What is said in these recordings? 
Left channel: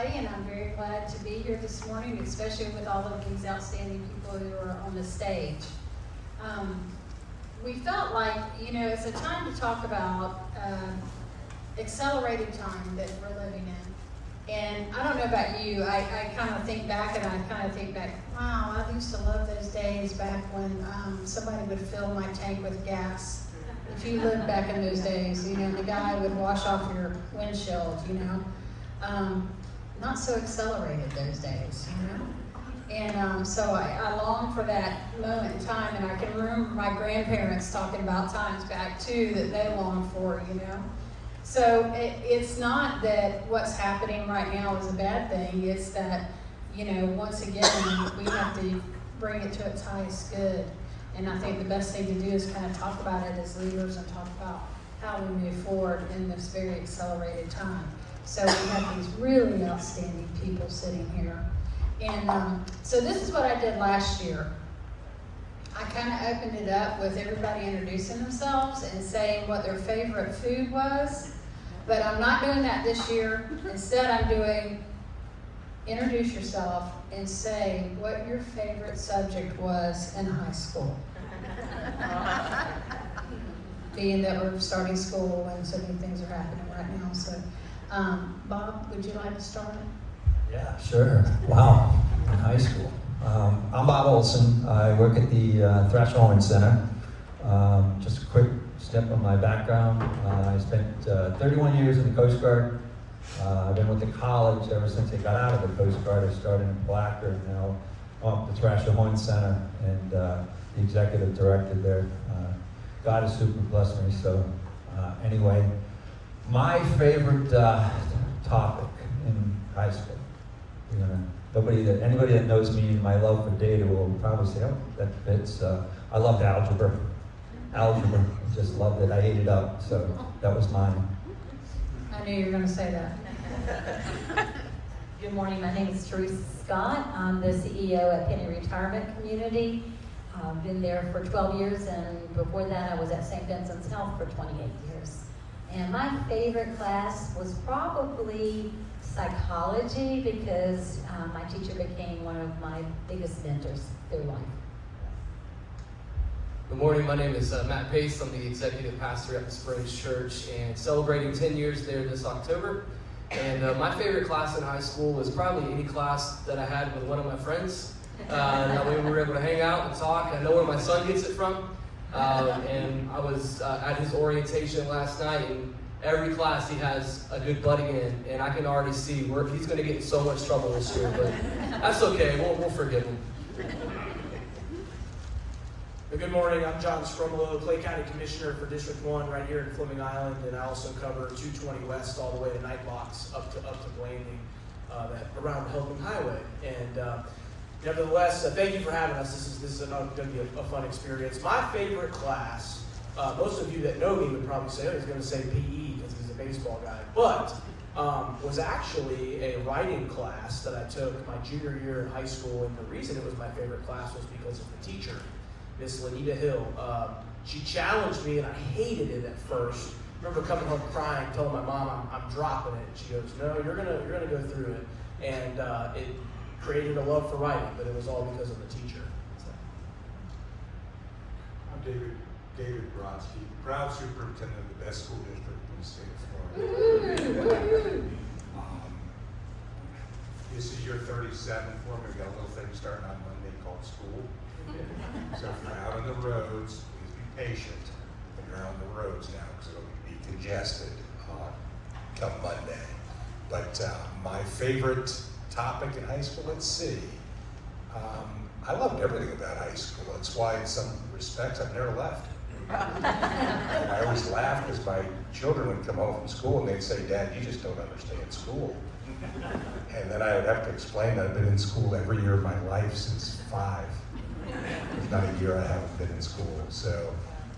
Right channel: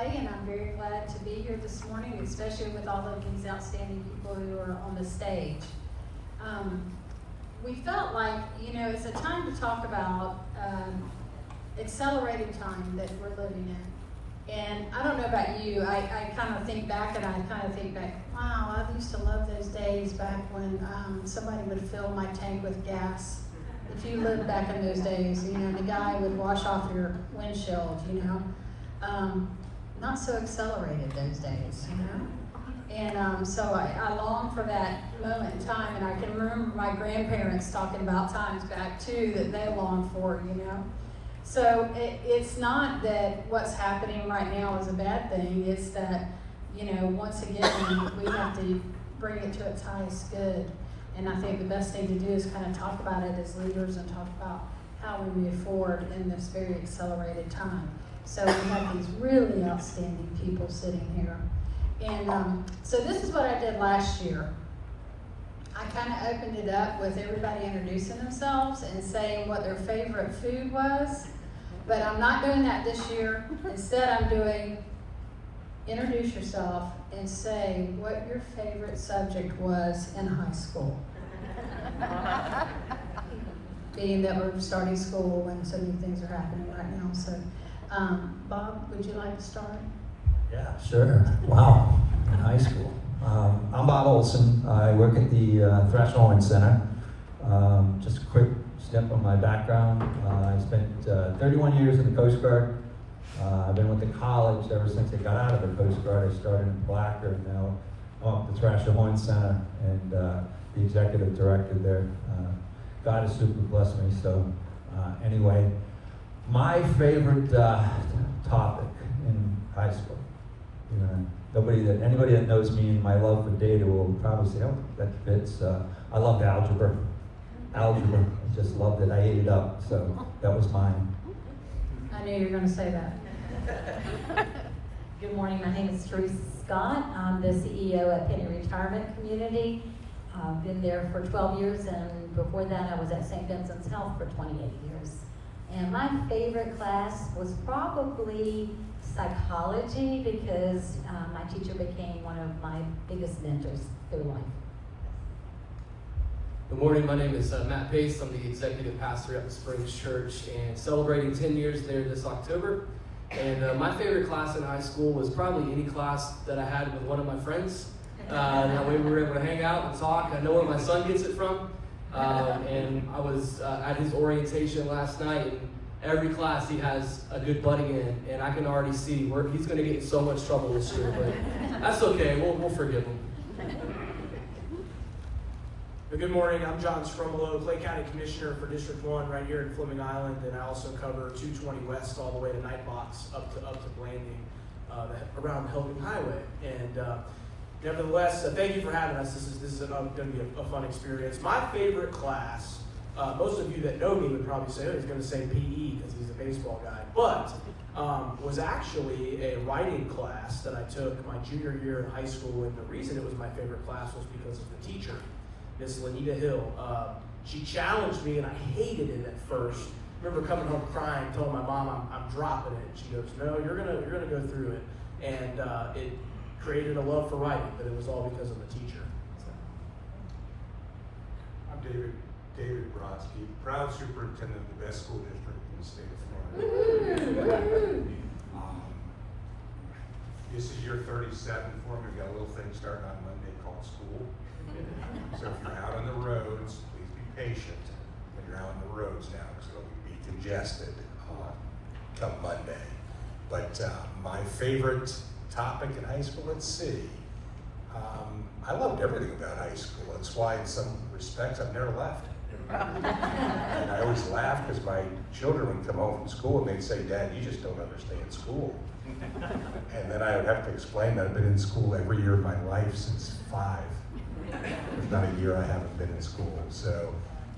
everybody, and I'm very glad to be here this morning, especially with all of these outstanding people who are on the stage. We felt like, it's a time to talk about accelerated time that we're living in. And I don't know about you, I kind of think back, wow, I used to love those days back when somebody would fill my tank with gas. If you lived back in those days, the guy would wash off your windshield, not so accelerated those days, And so I long for that moment in time, and I can remember my grandparents talking about times back too that they longed for, So it's not that what's happening right now is a bad thing, it's that, once again, we have to bring it to its highest good. And I think the best thing to do is kind of talk about it as leaders and talk about how we move forward in this very accelerated time. So we have these really outstanding people sitting here. And so this is what I did last year. I kind of opened it up with everybody introducing themselves and saying what their favorite food was. But I'm not doing that this year. Instead, I'm doing introduce yourself and say what your favorite subject was in high school. Being that we're starting school and so many things are happening right now. So, Bob, would you like to start? Yeah, sure. Wow, in high school. I'm Bob Olson. I work at the Thrasher Horne Center. Just a quick step on my background. I spent 31 years in the Coast Guard. I went to college ever since I got out of the Coast Guard. I started in Blackford, now at the Thrasher Horne Center, and the executive director there. God has super blessed me. So anyway, my favorite topic in high school. Anybody that knows me and my love for data will probably say, oh, that fits. I loved algebra. Just loved it. I ate it up. So that was mine. I knew you were going to say that. Good morning, my name is Teresa Scott. I'm the CEO at Penney Retirement Community. Been there for 12 years, and before that I was at St. Vincent's Health for 28 years. And my favorite class was probably psychology, because my teacher became one of my biggest mentors through life. Good morning, my name is Matt Pace. I'm the executive pastor at the Springs Church and celebrating 10 years there this October. And my favorite class in high school was probably any class that I had with one of my friends. That way we were able to hang out and talk, and I know where my son gets it from. And I was at his orientation last night, and every class he has a good buddy in, and I can already see where he's going to get in so much trouble this year, but that's okay, we'll forgive him. Good morning, I'm John Sgromolo, Clay County Commissioner for District 1 right here in Fleming Island, and I also cover 220 West all the way to Nightbox up to Blanding around Hillman Highway. And nevertheless, thank you for having us. This is going to be a fun experience. My favorite class, most of you that know me would probably say, he's going to say PE because he's a baseball guy, but was actually a writing class that I took my junior year in high school, and the reason it was my favorite class was because of the teacher. Miss Lenita Hill. She challenged me, and I hated it at first. I remember coming home crying, telling my mom I'm dropping it. She goes, "No, you're gonna go through it," and it created a love for writing, but it was all because of the teacher. I'm David Broskie, proud superintendent of the best school district in the state of Florida. This is your 37th for me. We got a little thing starting on Monday called school. So if you're out on the roads, please be patient. You're out on the roads now, so it'll be congested come Monday. But my favorite topic in high school, let's see. I loved everything about high school. That's why in some respects I've never left. I always laugh because my children would come home from school and they'd say, "Dad, you just don't understand school." And then I'd have to explain that I've been in school every year of my life since 5. There's not a year I haven't been in school. So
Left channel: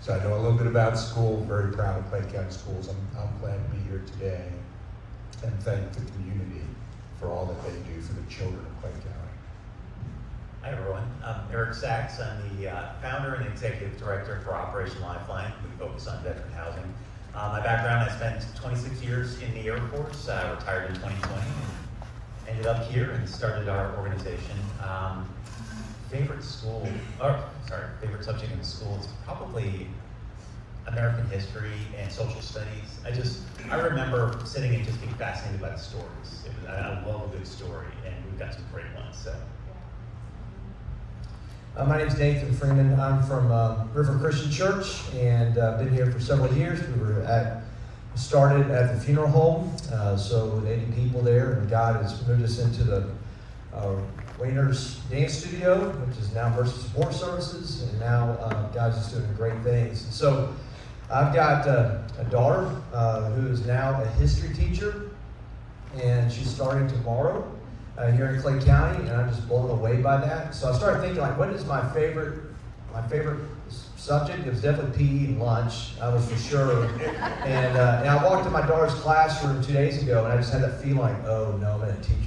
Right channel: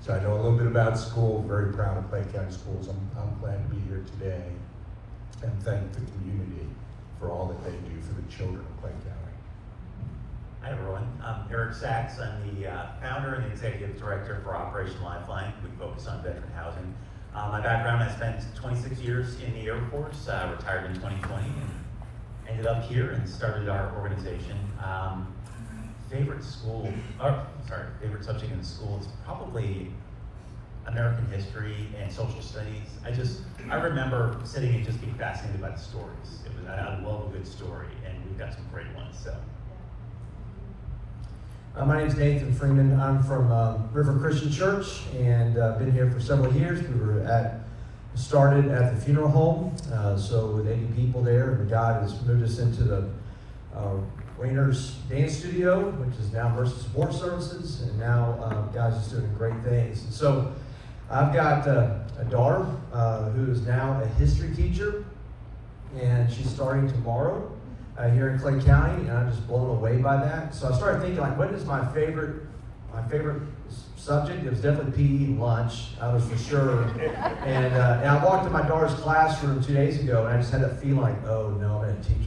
I know a little bit about school. Very proud of Clay County Schools. I'm glad to be here today and thank the community for all that they do for the children of Clay County. Hi everyone, I'm Erick. I'm the founder and executive director for Operation Lifeline. We focus on veteran housing. My background, I spent 26 years in the Air Force, retired in 2020, and ended up here and started our organization. Favorite subject in the school is probably American history and social studies. I remember sitting and just being fascinated by the stories. I love a good story, and we've got some great ones. So. My name's Nathan Freeman. I'm from River Christian Church, and been here for several years. We started at the funeral home, so with 80 people there, and God has moved us into the Rainer's Dance Studio, which is now Versus War Services, and now God's just doing great things. And so I've got a daughter who is now a history teacher, and she's starting tomorrow here in Clay County, and I'm just blown away by that. So I started thinking, like, what is my favorite subject? It was definitely PE lunch, I was for sure. And I walked in my daughter's classroom 2 days ago, and I just had that feeling like, oh no, I'm in a teacher's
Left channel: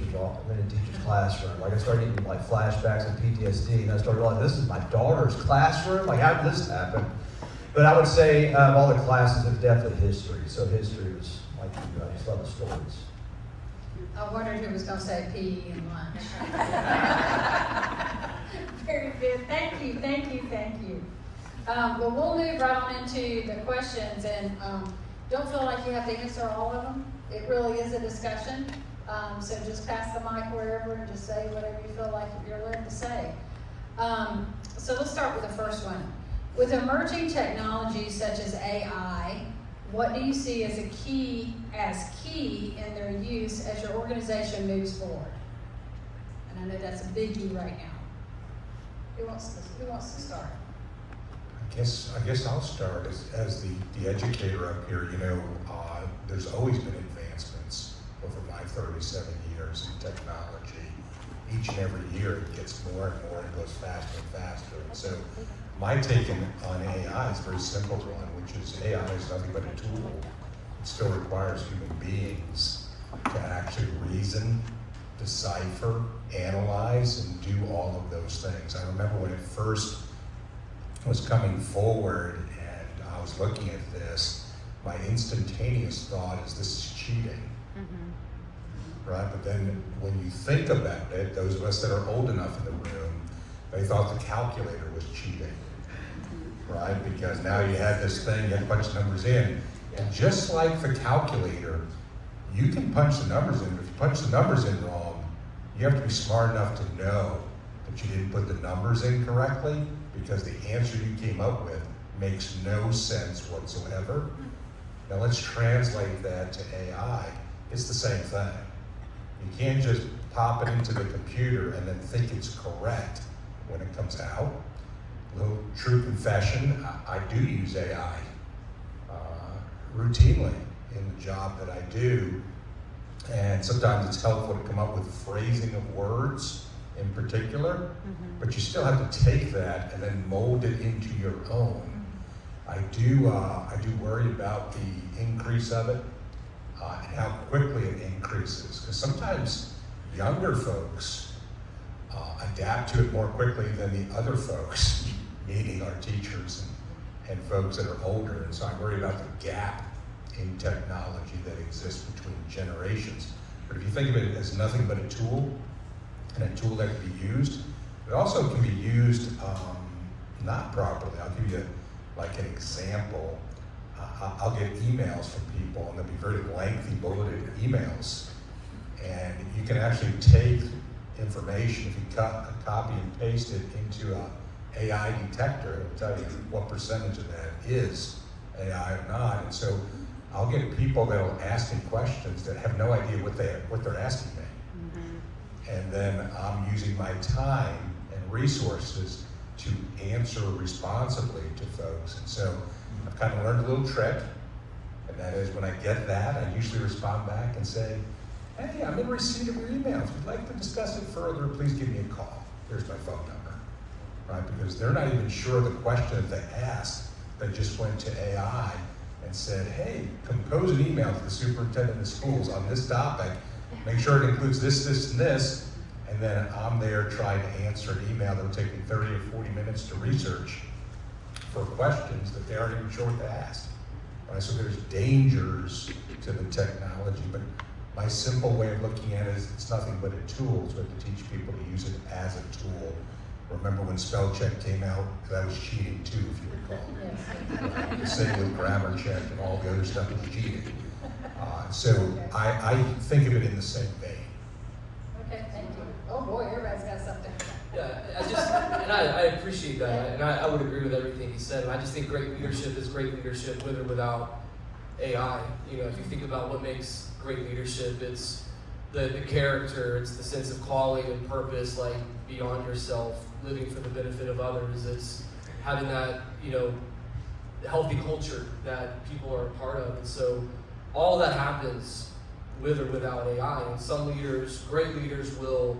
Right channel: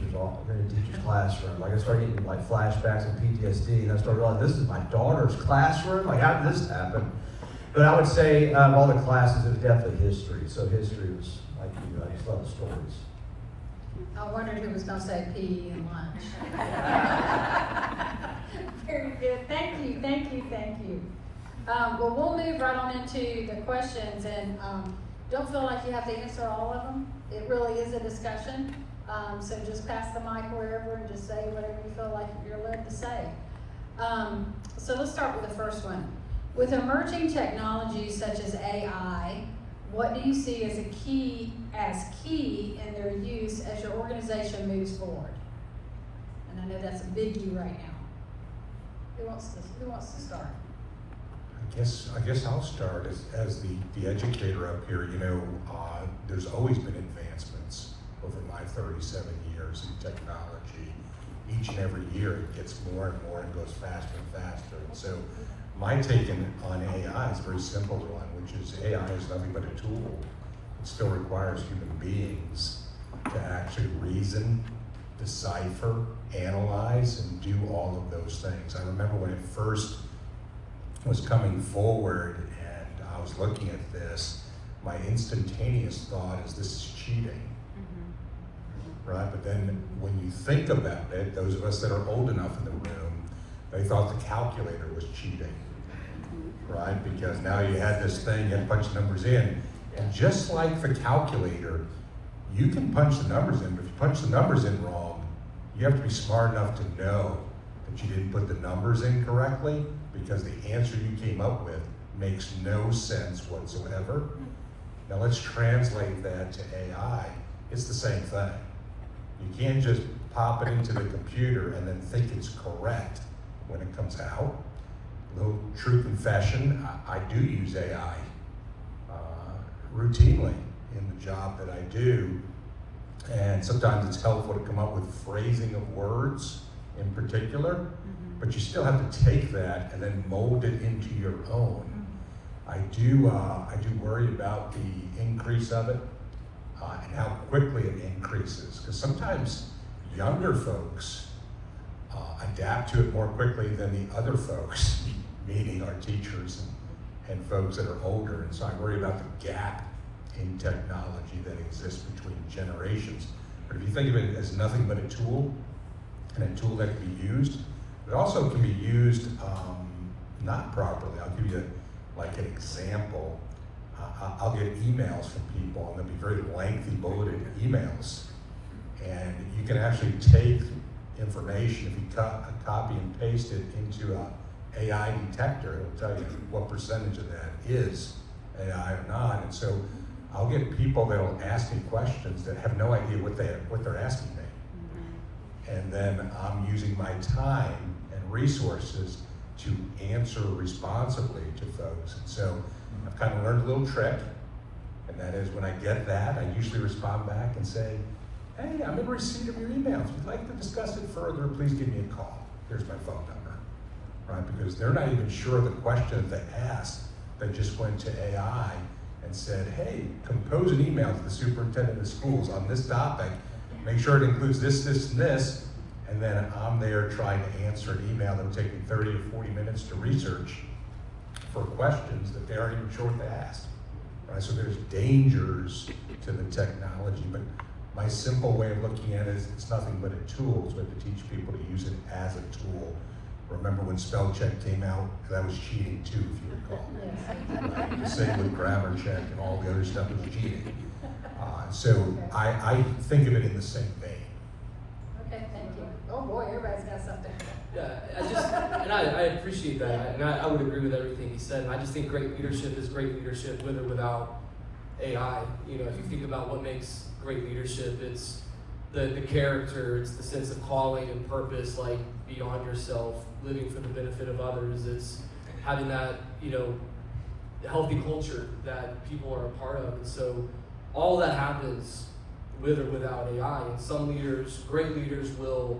classroom. Like I started getting like flashbacks and PTSD, and I started realizing, this is my daughter's classroom? Like, how did this happen? But I would say all the classes is definitely history. So history was like you guys, a lot of stories. I wondered who was going to say PE and lunch. Very good. Thank you. Well, we'll move right on into the questions, and don't feel like you have to answer all of them. It really is a discussion. So just pass the mic wherever, and just say whatever you feel like you're led to say. So let's start with the first one. With emerging technologies such as AI, what do you see as key in their use as your organization moves forward? And I know that's a biggie right now. Who wants to start? I guess I'll start as the educator up here. There's always been advancements over my 37 years in technology. Each and every year it gets more and more, and it goes faster and faster. And so my take on AI is a very simple one, which is AI is nothing but a tool. It still requires human beings to actually reason, decipher, analyze, and do all of those things. I remember when it first was coming forward and I was looking at this, my instantaneous thought is, this is cheating. Right? But then when you think about it, those of us that are old enough in the room, they thought the calculator was cheating. Right? Because now you have this thing, you punch the numbers in, and just like the calculator, you can punch the numbers in. If you punch the numbers in wrong, you have to be smart enough to know that you didn't put the numbers in correctly, because the answer you came up with makes no sense whatsoever. Now let's translate that to AI. It's the same thing. You can't just pop it into the computer and then think it's correct when it comes out. A little true confession, I do use AI routinely in the job that I do, and sometimes it's helpful to come up with phrasing of words in particular, but you still have to take that and then mold it into your own. I do worry about the increase of it and how quickly it increases, because sometimes younger folks adapt to it more quickly than the other folks, meaning our teachers and folks that are older. And so I worry about the gap in technology that exists between generations. But if you think of it as nothing but a tool, and a tool that can be used, but also it can be used not properly. I'll give you an example. I'll get emails from people, and they'll be very lengthy, bulleted emails. And you can actually take information, if you copy and paste it into an AI detector, it'll tell you what percentage of that is AI or not. And so I'll get people that will ask me questions that have no idea what they're asking me. And then I'm using my time and resources to answer responsibly to folks. And so I've kind of learned a little trick, and that is when I get that, I usually respond back and say, hey, I've been receiving your email. If you'd like to discuss it further, please give me a call. Here's my phone number. Right? Because they're not even sure the question they asked. They just went to AI and said, hey, compose an email to the superintendent of schools on this topic. Make sure it includes this, this, and this. And then I'm there trying to answer an email that'll take me 30 or 40 minutes to research for questions that they aren't even sure to ask. Right? So there's dangers to the technology. But My simple way of looking at it is it's nothing but a tool. It's what to teach people to use it as a tool. Remember when spell check came out? That was cheating too, if you recall. Same with grammar check and all the other stuff was cheating. So I think of it in the same vein. Okay, thank you. Oh boy, everybody's got something. Yeah, I appreciate that, and I would agree with everything he said. I just think great leadership is great leadership with or without AI. You know, if you think about what makes great leadership, it's the character, it's the sense of calling and purpose, like beyond yourself, living for the benefit of others. It's having that, you know, healthy culture that people are a part of. And so all that happens with or without AI. And some leaders, great leaders, will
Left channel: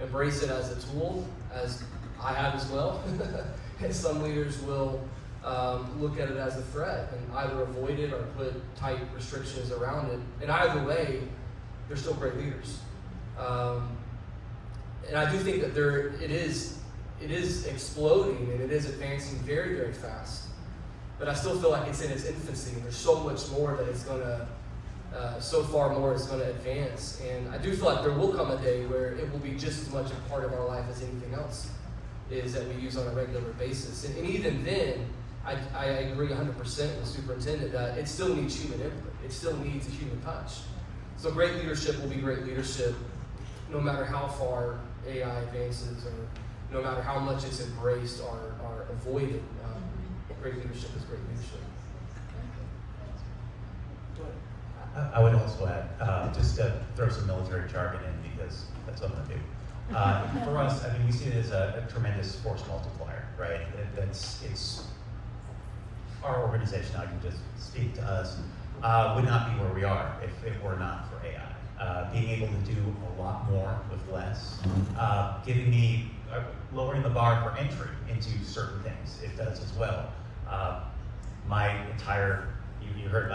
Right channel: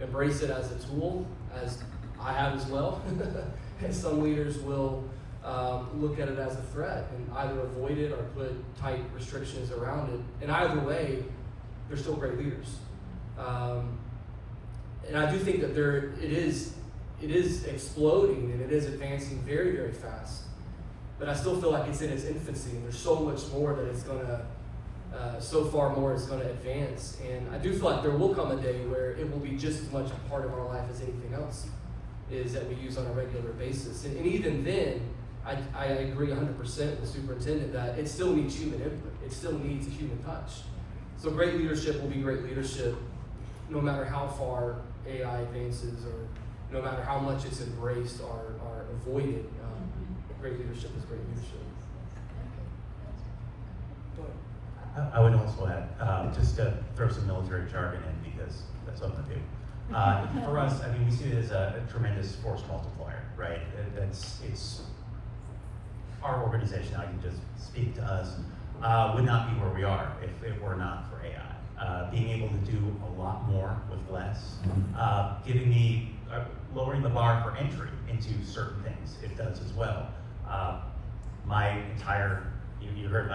embrace it as a tool, as I have as well. And some leaders will look at it as a threat and either avoid it or put tight restrictions around it. And either way, they're still great leaders. And I do think that it is exploding and it is advancing very, very fast. But I still feel like it's in its infancy. There's so much more that it's gonna, so far more it's gonna advance. And I do feel like there will come a day where it will be just as much a part of our life as anything else is that we use on a regular basis. And even then, I agree 100% with the superintendent that it still needs human input. It still needs a human touch. So great leadership will be great leadership no matter how far AI advances or no matter how much it's embraced or avoided. Great leadership is great leadership. Go ahead. I would also add, just to throw some military jargon in because that's what we do. For us, I mean, we see it as a tremendous force multiplier, right? It's our organization, I can just speak to us, would not be where we are if it were not for AI. Being able to do a lot more with less, giving me, lowering the bar for entry into certain things, it does as well. My entire, you heard,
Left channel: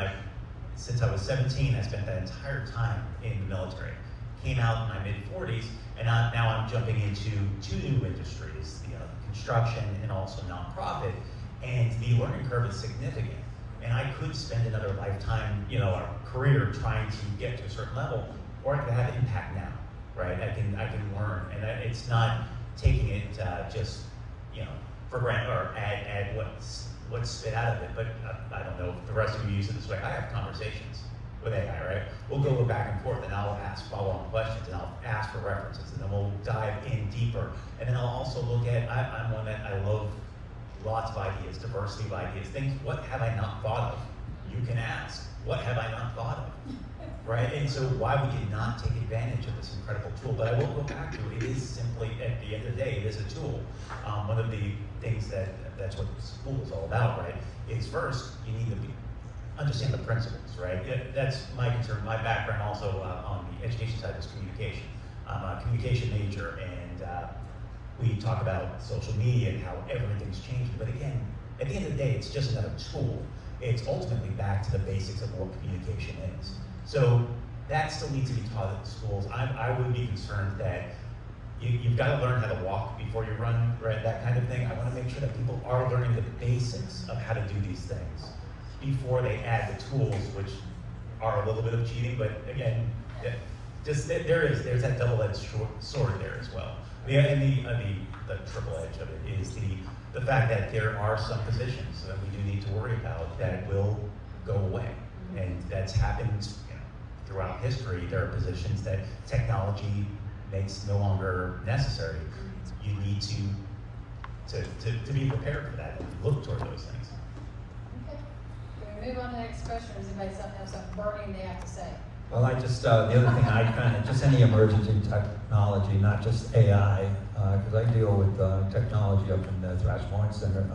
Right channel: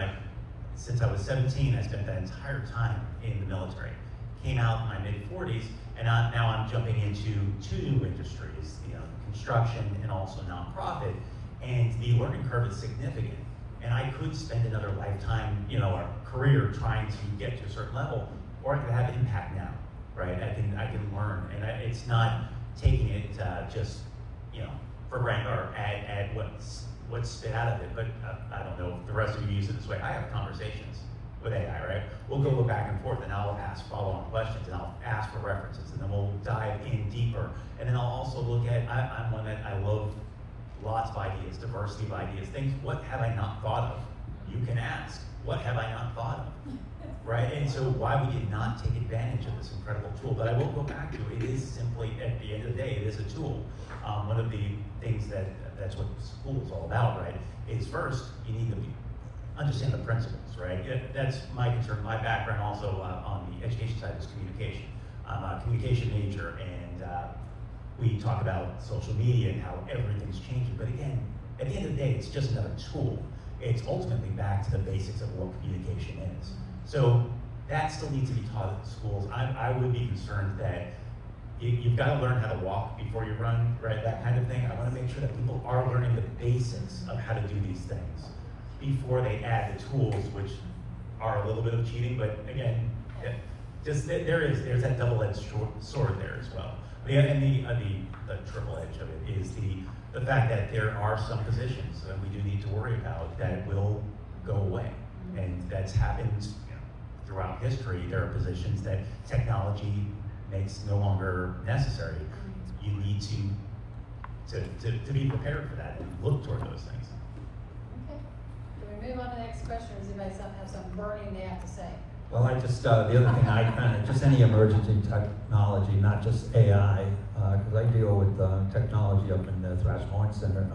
since I was 17, I spent that entire time in the military. Came out in my mid-40s, and now I'm jumping into two new industries, you know, construction and also nonprofit, and the learning curve is significant. And I could spend another lifetime, you know, a career trying to get to a certain level, or I could have impact now, right? I can learn, and it's not taking it just, you know, for granted or add what's spit out of it. But I don't know if the rest of you use it this way. I have conversations with AI, right? We'll go back and forth, and I'll ask follow-on questions, and I'll ask for references, and then we'll dive in deeper. And then I'll also look at, I'm one that I love lots of ideas, diversity of ideas, things, what have I not thought of? You can ask, what have I not thought of? Right? And so why would you not take advantage of this incredible tool? But I will go back to it is simply, at the end of the day, it is a tool. One of the things that's what school is all about, right, is first, you need to understand the principles, right? That's my concern. My background also on the education side is communication. I'm a communication major, and we talk about social media and how everything's changing. But again, at the end of the day, it's just another tool. It's ultimately back to the basics of what communication is. So that still needs to be taught at schools. I would be concerned that you've got to learn how to walk before you run, right? That kind of thing. I want to make sure that people are learning the basics of how to do these things before they add the tools, which are a little bit of cheating. But again, there's that double-edged sword there as well. The triple edge of it is the fact that there are some positions that we do need to worry about that will go away, and that's happened, you know, throughout history. There are positions that technology makes no longer necessary. You need to be prepared for that and look toward those things. Okay. We're gonna move on to the next question. Does anybody have something burning they have to say? Well, I just, the other thing just any emergency technology, not just AI, because I deal with technology up in the Thrasher Horne Center.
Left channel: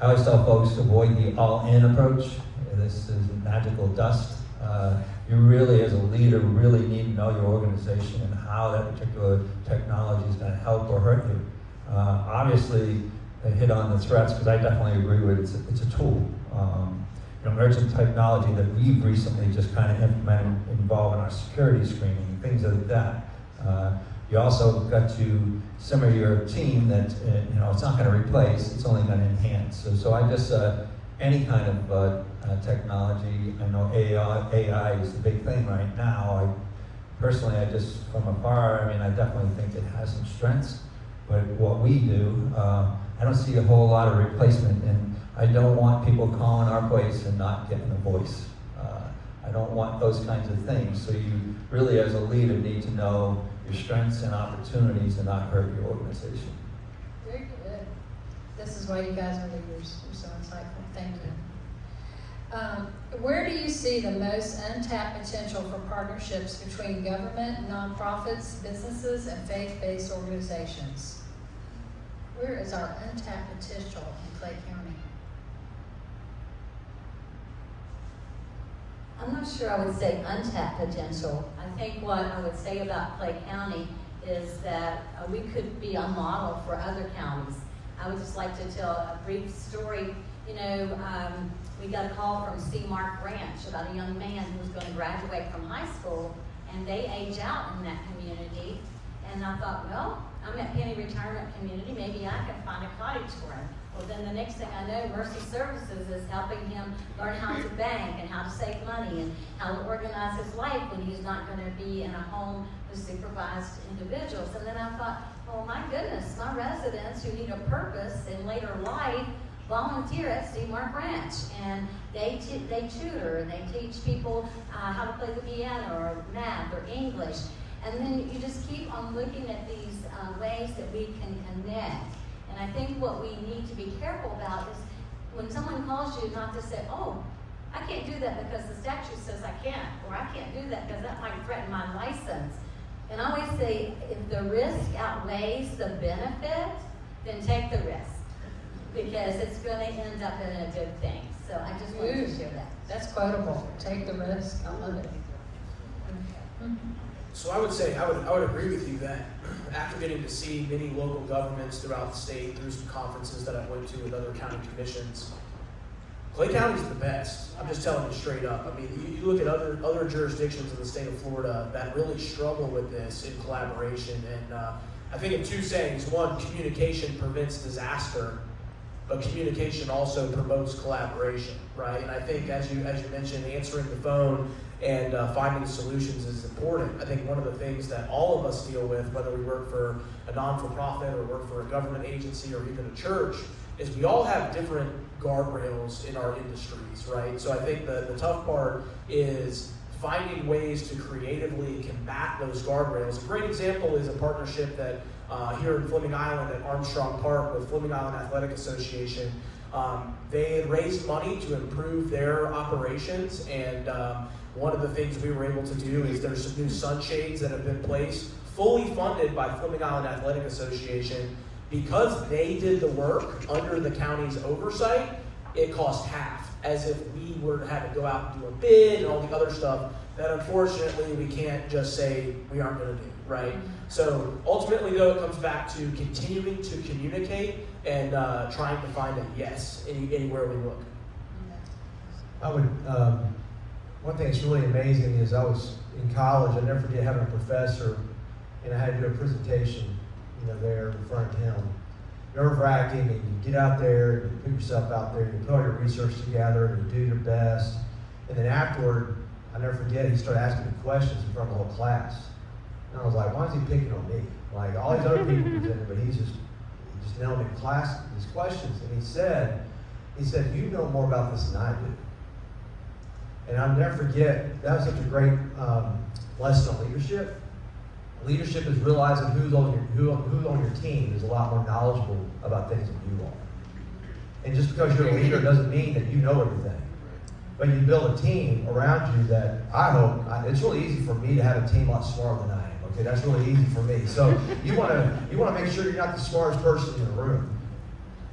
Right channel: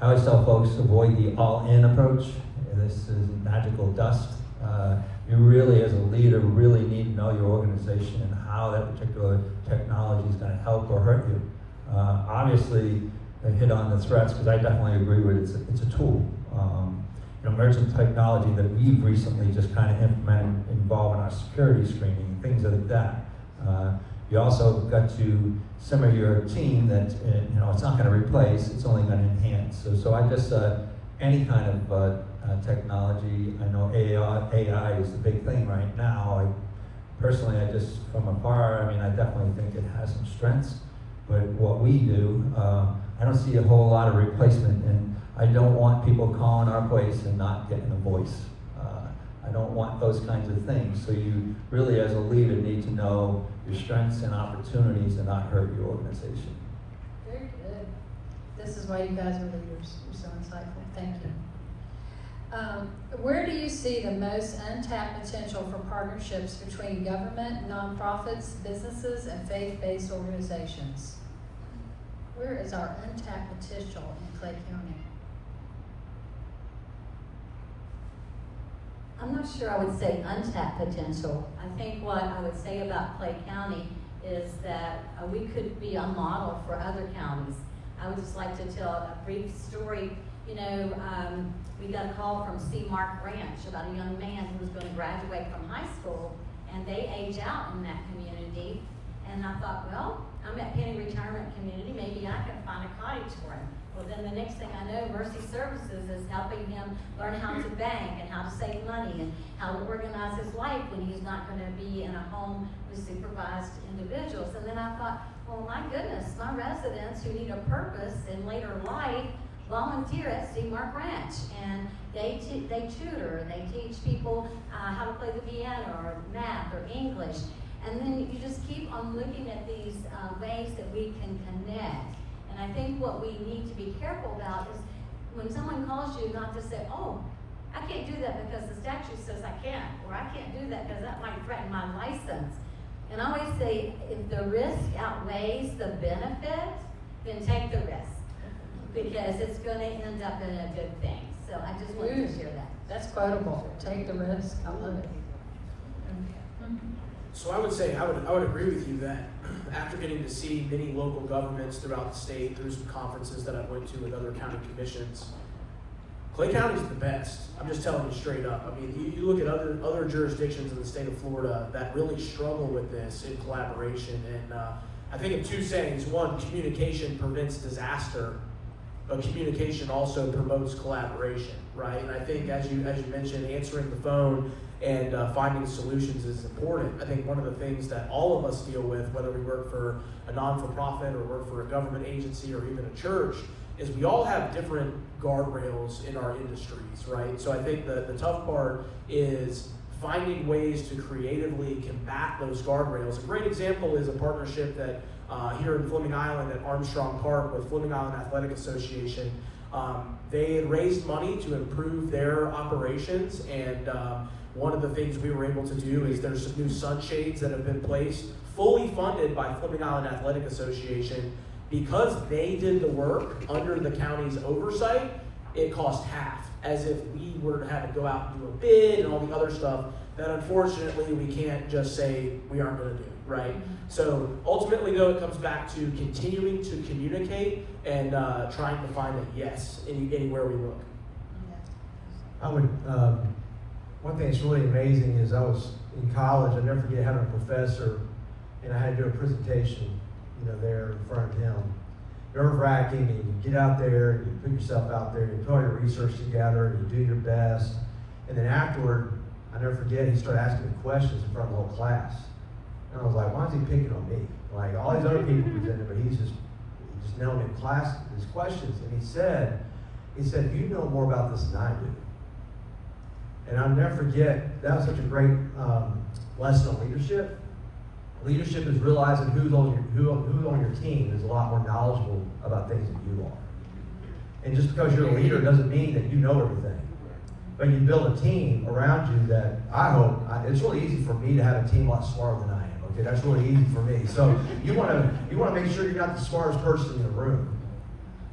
I always tell folks to avoid the all-in approach. This is magical dust. You really, as a leader, really need to know your organization and how that particular technology is going to help or hurt you. Obviously, they hit on the threats, because I definitely agree with it. It's a tool. Emerging technology that we've recently just kind of implemented involved in our security screening, things like that. You also got to simmer your team that it's not going to replace, it's only going to enhance. So I just any kind of technology. I know AI is the big thing right now. personally, I just, from afar, I mean, I definitely think it has some strengths, but what we do, I don't see a whole lot of replacement, and I don't want people calling our place and not getting a voice. I don't want those kinds of things, so you really, as a leader, need to know your strengths and opportunities and not hurt your organization. Very good. This is why you guys are leaders. You're so insightful. Thank you. Where do you see the most untapped potential for partnerships between government, nonprofits, businesses, and faith-based organizations? Where is our untapped potential in Clay County? I'm not sure I would say untapped potential. I think what I would say about Clay County is that we could be a model for other counties. I would just like to tell a brief story. You know, we got a call from Seamark Ranch about a young man who was going to graduate from high school, and they age out in that community. And I thought, well, I'm at Penney Retirement Community, maybe I can find a cottage for him. Well, then the next thing I know, Mercy Services is helping him learn how to bank and how to save money and how to organize his life when he's not going to be in a home with supervised individuals. And then I thought, well, my goodness, my residents who need a purpose in later life volunteer at Seamark Ranch, and they tutor and they teach people how to play the piano or math or English. And then you just keep on looking at these ways that we can connect. And I think what we need to be careful about is when someone calls you, not to say, oh, I can't do that because the statute says I can't, or I can't do that because that might threaten my license. And I always say, if the risk outweighs the benefit, then take the risk, because it's going to end up in a good thing. So I just wanted to share that. That's quotable. Take the risk. I love it. So I would say, I would agree with you that after getting to see many local governments throughout the state through some conferences that I went to with other county commissions, Clay County is the best. I'm just telling you straight up. I mean, you look at other jurisdictions in the state of Florida that really struggle with this in collaboration. And I think in two sayings: one, communication prevents disaster, but communication also promotes collaboration, right? And I think as you mentioned, answering the phone and finding solutions is important. I think one of the things that all of us deal with, whether we work for a non-for-profit or work for a government agency or even a church, is we all have different guardrails in our industries, right? So I think the tough part is finding ways to creatively combat those guardrails. A great example is a partnership that here in Fleming Island at Armstrong Park with Fleming Island Athletic Association. They had raised money to improve their operations, and one of the things we were able to do is there's some new sunshades that have been placed, fully funded by Fleming Island Athletic Association. Because they did the work under the county's oversight, it cost half, as if we were to have to go out and do a bid and all the other stuff that unfortunately we can't just say we aren't going to do, right? So ultimately, though, it comes back to continuing to communicate and trying to find a yes anywhere we look. I would, one thing that's really amazing is I was in college, I'll never forget having a professor, and I had to do a presentation, there in front of him. Nerve-wracking, and you get out there, you put yourself out there, you put your research together, and you do your best. And then afterward, I never forget, he started asking me questions in front of the whole class. And I was like, why is he picking on me? Like, all these other people was in, but he just nailed me in class with these questions. And he said, you know more about this than I do. And I'll never forget, that was such a great lesson on leadership. Leadership is realizing who's on your team is a lot more knowledgeable about things than you are. And just because you're a leader doesn't mean that you know everything. But you build a team around you that I hope, it's really easy for me to have a team a lot smarter than I am. Okay, that's really easy for me. So you want to make sure you're not the smartest person in the room.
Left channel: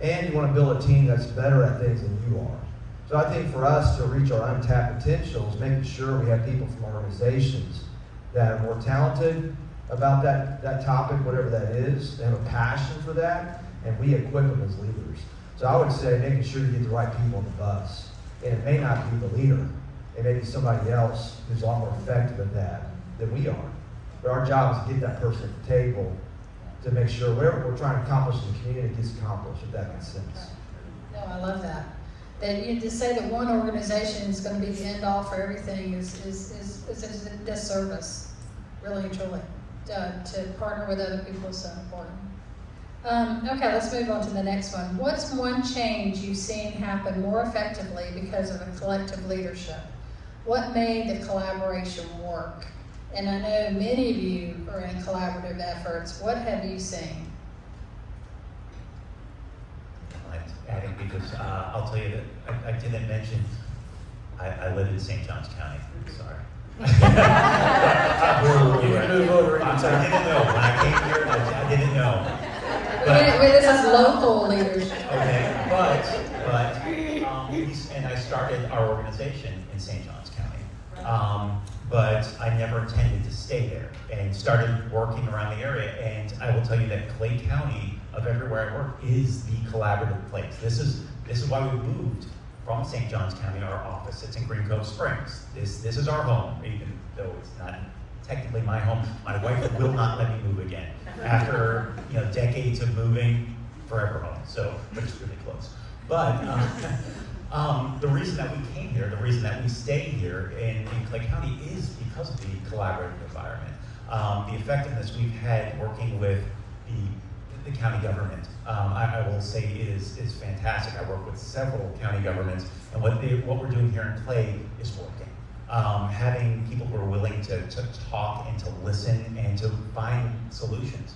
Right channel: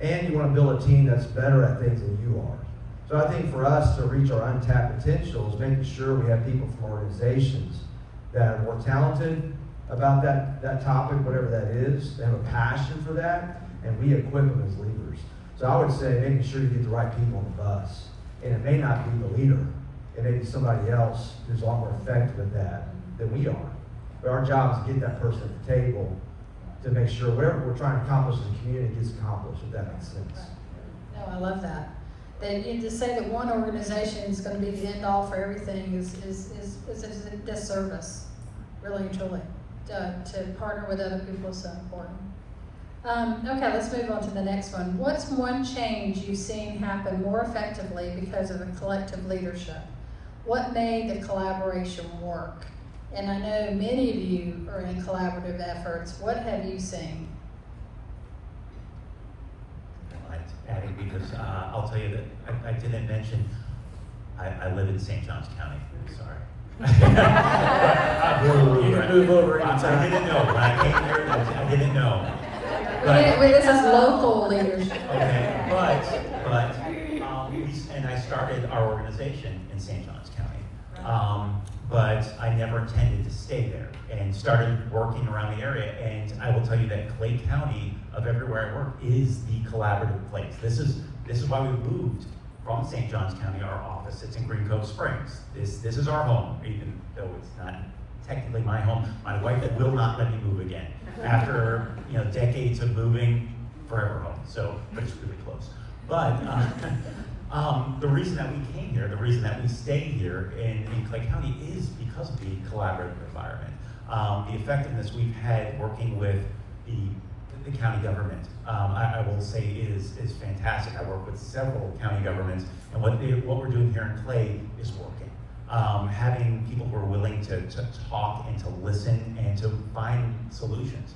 And you want to build a team that's better at things than you are. So I think for us to reach our untapped potential is making sure we have people from organizations that are more talented about that topic, whatever that is. They have a passion for that, and we equip them as leaders. So I would say making sure you get the right people on the bus. And it may not be the leader. It may be somebody else who's a lot more effective at that than we are. But our job is to get that person at the table to make sure whatever we're trying to accomplish in the community gets accomplished, if that makes sense. No, I love that. That you just say that one organization is going to be the end all for everything is a disservice. really, truly. To partner with other people is so important. Okay, let's move on to the next one. What's one change you've seen happen more effectively because of a collective leadership? What made the collaboration work? And I know many of you are in collaborative efforts. What have you seen? I think we just, I'll tell you that I didn't mention, I live in St. Johns County, sorry. You can move over I anytime. didn't know, when I came here, I didn't know. But this is local leadership. Okay, and I started our organization in St. Johns County. But I never intended to stay there and started working around the area. And I will tell you that Clay County, of everywhere I work, is the collaborative place. This is why we moved from St. Johns County, our office. It's in Green Cove Springs. This is our home, even though it's not technically my home. My wife will not let me move again. After decades of moving, forever home. So it's really close. But the reason that we came here, the reason that we stay here in Clay County is because of the collaborative environment. The effectiveness we've had working with the county government, I will say is fantastic. I work with several county governments, and what we're doing here in Clay is working. Having people who are willing to talk and to listen and to find solutions.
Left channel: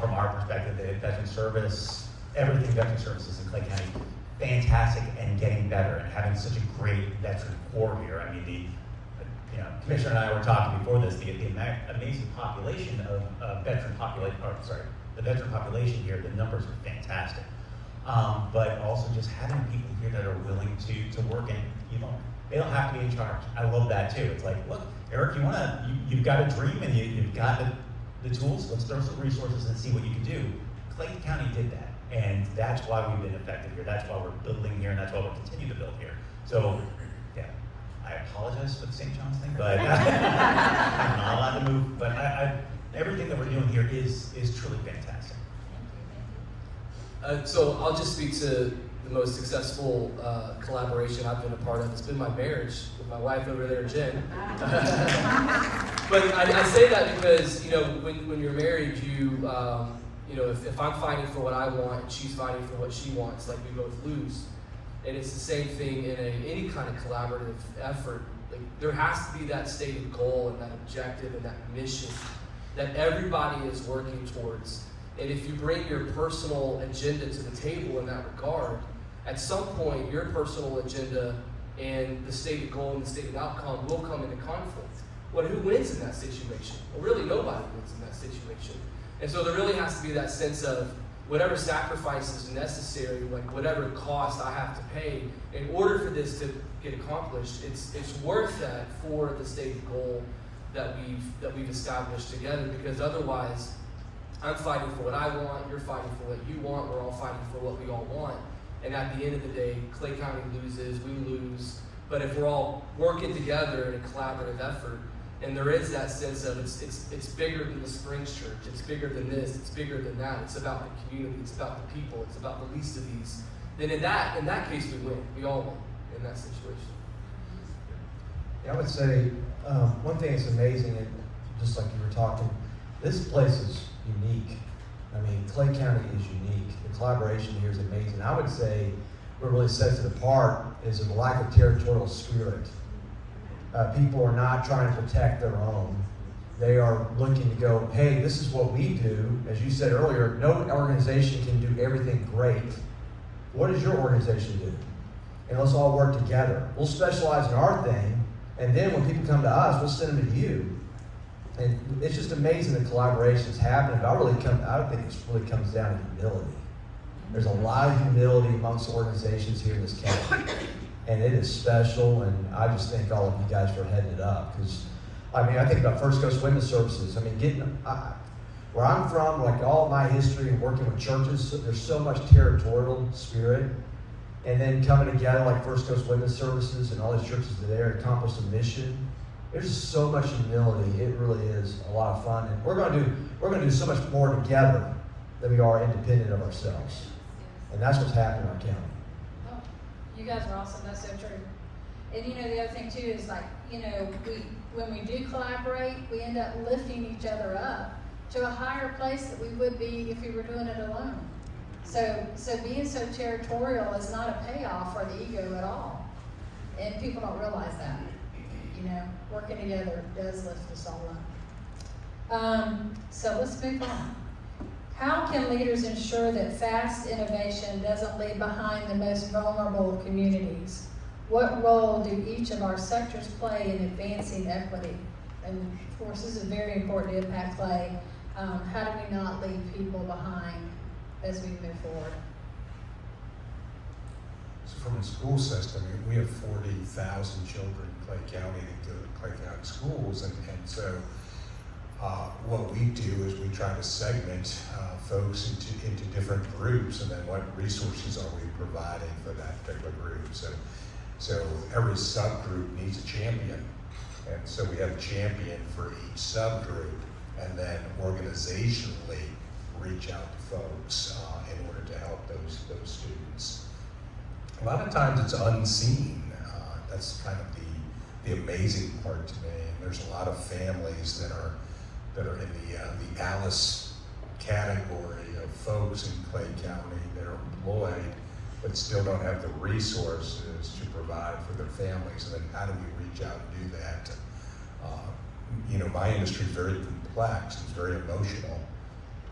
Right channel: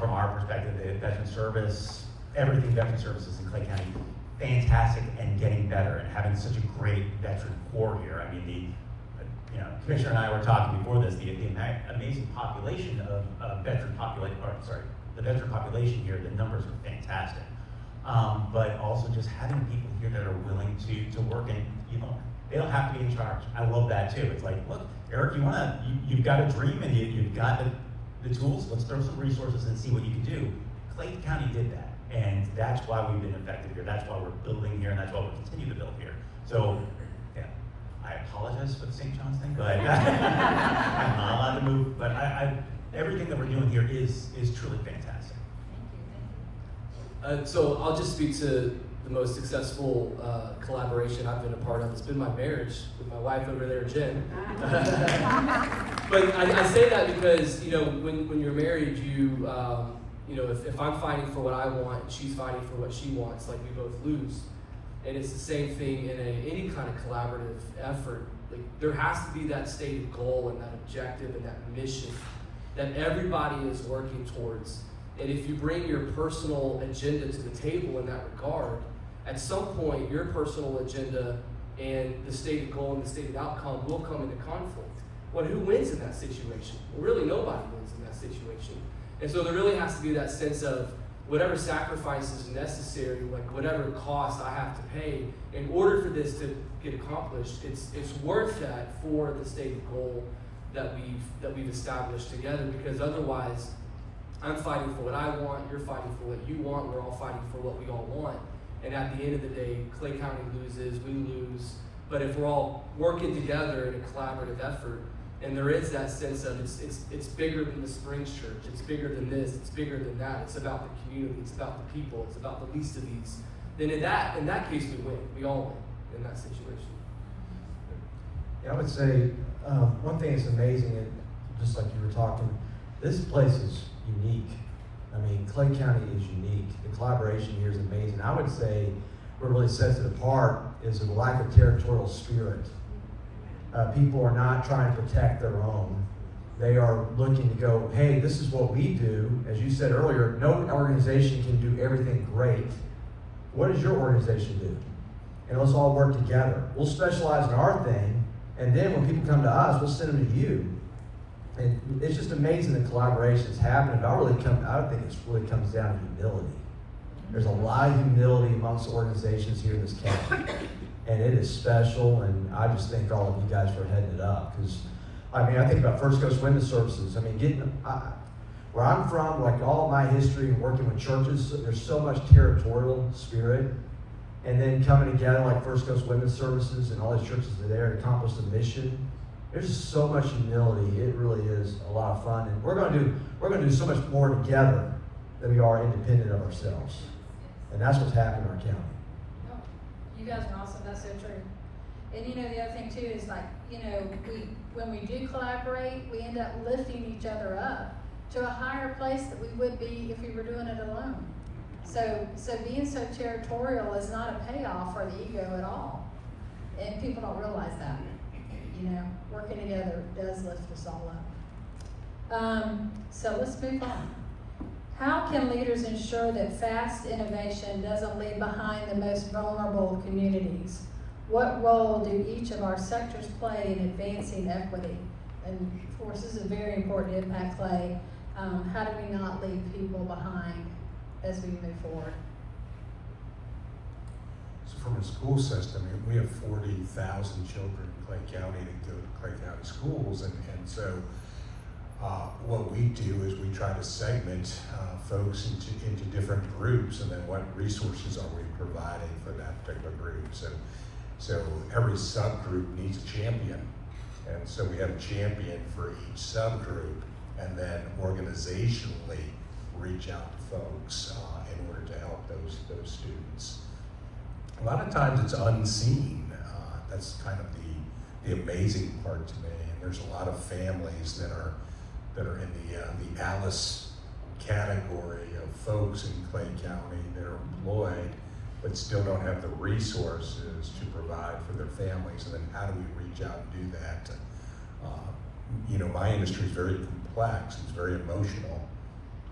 From our perspective, the veteran service, everything veteran services in Clay County, fantastic and getting better, and having such a great veteran corps here. I mean, the Commissioner and I were talking before this, the amazing population of veteran population, the veteran population here, the numbers are fantastic. But also just having people here that are willing to work, and they don't have to be in charge. I love that too. It's like, look, Eric, you've got a dream and you've got the tools. Let's throw some resources and see what you can do. Clay County did that, and that's why we've been effective here. That's why we're building here, and that's why we'll continue to build here. So, yeah, I apologize for the St. John's thing, but I'm not on the move. But everything that we're doing here is truly fantastic. So I'll just speak to the most successful collaboration I've been a part of. It's been my marriage with my wife over there, Jen. But I say that because when you're married, if I'm fighting for what I want and she's fighting for what she wants, like we both lose. And it's the same thing in any kind of collaborative effort. Like, there has to be that stated goal and that objective and that mission that everybody is working towards. And if you bring your personal agenda to the table in that regard, at some point your personal agenda and the stated goal and the stated outcome will come into conflict. Well, who wins in that situation? Well, really nobody wins in that situation. And so there really has to be that sense of whatever sacrifice is necessary, like whatever cost I have to pay in order for this to get accomplished, it's worth that for the stated goal that we've established together, because otherwise I'm fighting for what I want, you're fighting for what you want, we're all fighting for what we all want. And at the end of the day, Clay County loses, we lose. But if we're all working together in a collaborative effort, and there is that sense of it's bigger than the Springs Church, it's bigger than this, it's bigger than that, it's about the community, it's about the people, it's about the least of these, then in that case we win. We all win in that situation. Yeah, I would say one thing that's amazing, and just like you were talking, this place is unique. I mean, Clay County is unique. The collaboration here is amazing. I would say what really sets it apart is the lack of territorial spirit. People are not trying to protect their own. They are looking to go, hey, this is what we do. As you said earlier, no organization can do everything great. What does your organization do? And let's all work together. We'll specialize in our thing, and then when people come to us, we'll send them to you. And it's just amazing the collaboration's happening. I think it really comes down to humility. There's a lot of humility amongst organizations here in this county. And it is special, and I just thank all of you guys for heading it up. Because, I think about First Coast Women's Services. Where I'm from, like all my history of working with churches, there's so much territorial spirit. And then coming together like First Coast Women's Services and all those churches that are there to accomplish the mission. There's just so much humility. It really is a lot of fun. And we're going to do so much more together than we are independent of ourselves. And that's what's happening in our county. You guys are awesome. That's so true. And you know, the other thing too is like, you know, when we do collaborate, we end up lifting each other up to a higher place that we would be if we were doing it alone. So being so territorial is not a payoff for the ego at all. And people don't realize that. You know, working together does lift us all up. So let's move on. How can leaders ensure that fast innovation doesn't leave behind the most vulnerable communities? What role do each of our sectors play in advancing equity? And of course, this is a very important impact play. How do we not leave people behind as we move forward? So from the school system, we have 40,000 children in Clay County that go to Clay County schools, and so what we do is we try to segment folks into different groups, and then what resources are we providing for that particular group. So every subgroup needs a champion, and so we have a champion for each subgroup, and then organizationally reach out to folks in order to help those students. A lot of times it's unseen. That's kind of the amazing part to me. And there's a lot of families that are in the Alice category of folks in Clay County that are employed but still don't have the resources to provide for their families. And then how do we reach out and do that? You know, my industry is very complex. It's very emotional.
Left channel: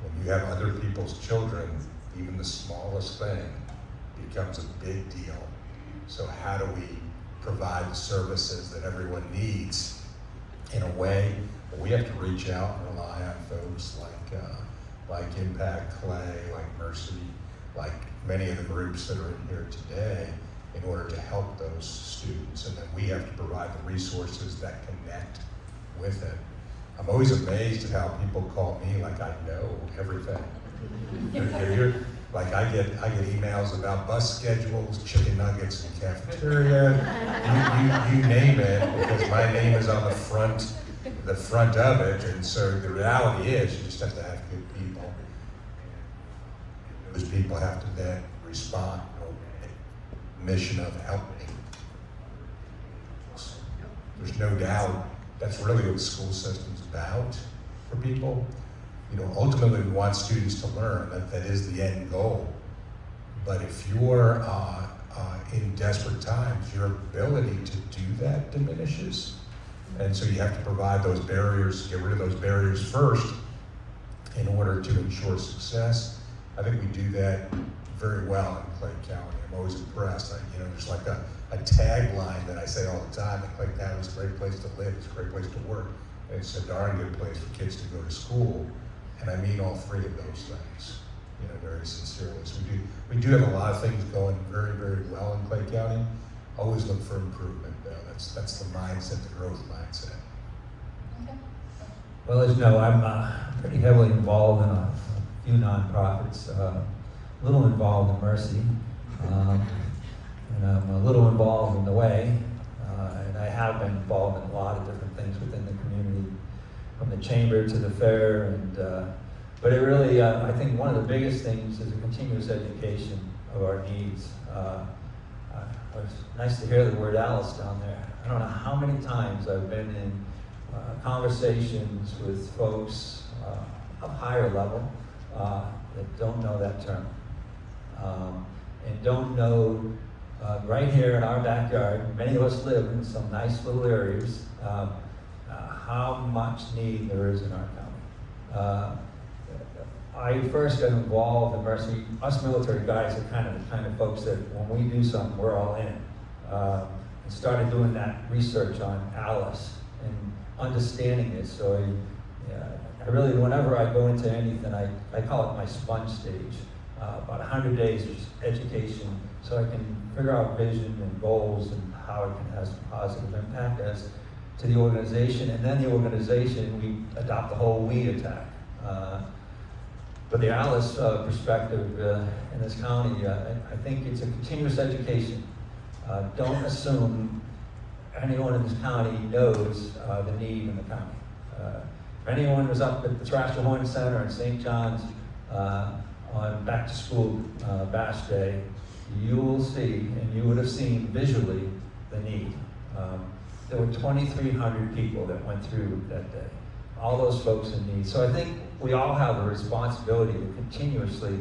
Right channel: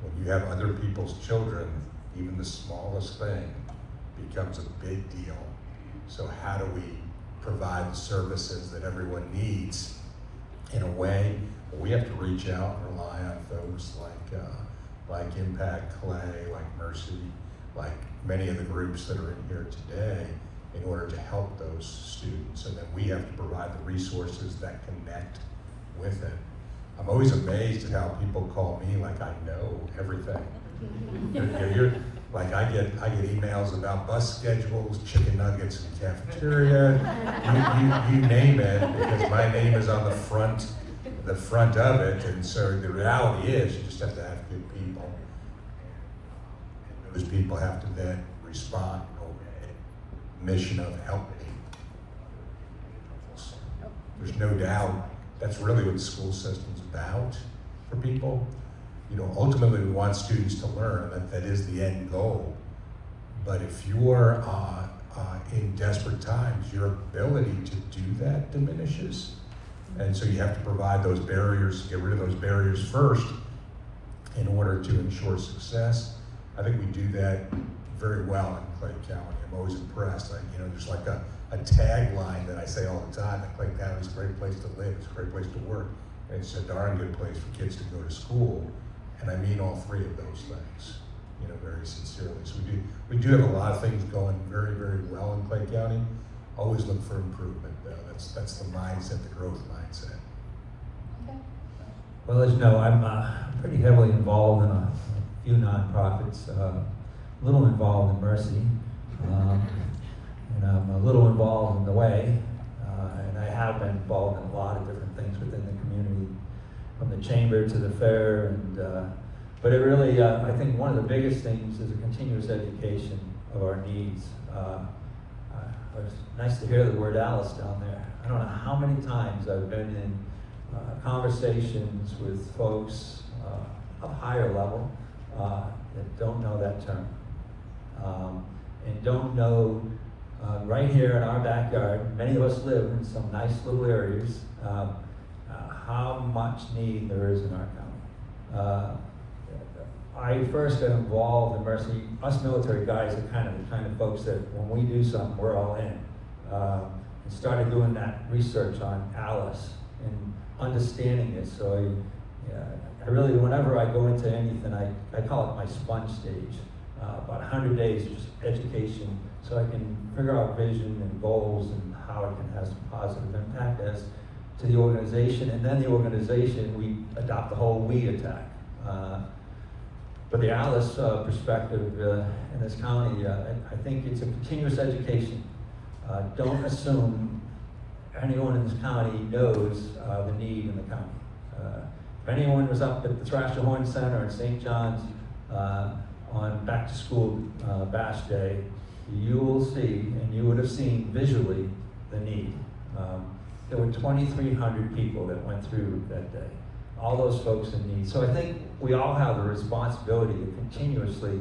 When you have other people's children, even the smallest thing becomes a big deal. So how do we provide the services that everyone needs in a way where we have to reach out and rely on folks like Impact Clay, like Mercy, like many of the groups that are in here today in order to help those students. So that we have to provide the resources that connect with it. I'm always amazed at how people call me like I know everything. Like I get emails about bus schedules, chicken nuggets in the cafeteria, you name it, because my name is on the front of it. And so the reality is you just have to have good people. And those people have to then respond to the mission of helping. There's no doubt that's really what the school system's about for people. You know, ultimately we want students to learn, that is the end goal. But if you're in desperate times, your ability to do that diminishes. And so you have to provide those barriers, get rid of those barriers first in order to ensure success. I think we do that very well in Clay County. I'm always impressed. There's like a tagline that I say all the time: Clay County is a great place to live, it's a great place to work, and it's a darn good place for kids to go to school. And I mean all three of those things, very sincerely. So we do have a lot of things going very, very well in Clay County. Always look for improvement. That's the mindset, the growth mindset. Well, as you know, I'm pretty heavily involved in a few nonprofits, a little involved in Mercy, and I'm a little involved in the Way, and I have been involved in a lot of different things within the community, from the chamber to the fair, and but it really, I think one of the biggest things is a continuous education of our needs. It's nice to hear the word Alice down there. I don't know how many times I've been in conversations with folks a higher level that don't know that term, and don't know right here in our backyard, many of us live in some nice little areas, how much need there is in our county. I first got involved in Mercy. Us military guys are kind of the kind of folks that when we do something, we're all in. And started doing that research on Alice and understanding it. So I really, whenever I go into anything, I call it my sponge stage. About 100 days of education, so I can figure out vision and goals and how it can have some positive impact as to the organization. And then the organization, we adopt the whole we attack. But the Alice perspective in this county, I think it's a continuous education. Don't assume anyone in this county knows the need in the county. For anyone who's up at the Thrasher Horne Center in St. John's on back to school bash day, you will see, and you would have seen visually, the need. 2,300 people that went through that day. All those folks in need. So I think we all have the responsibility to continuously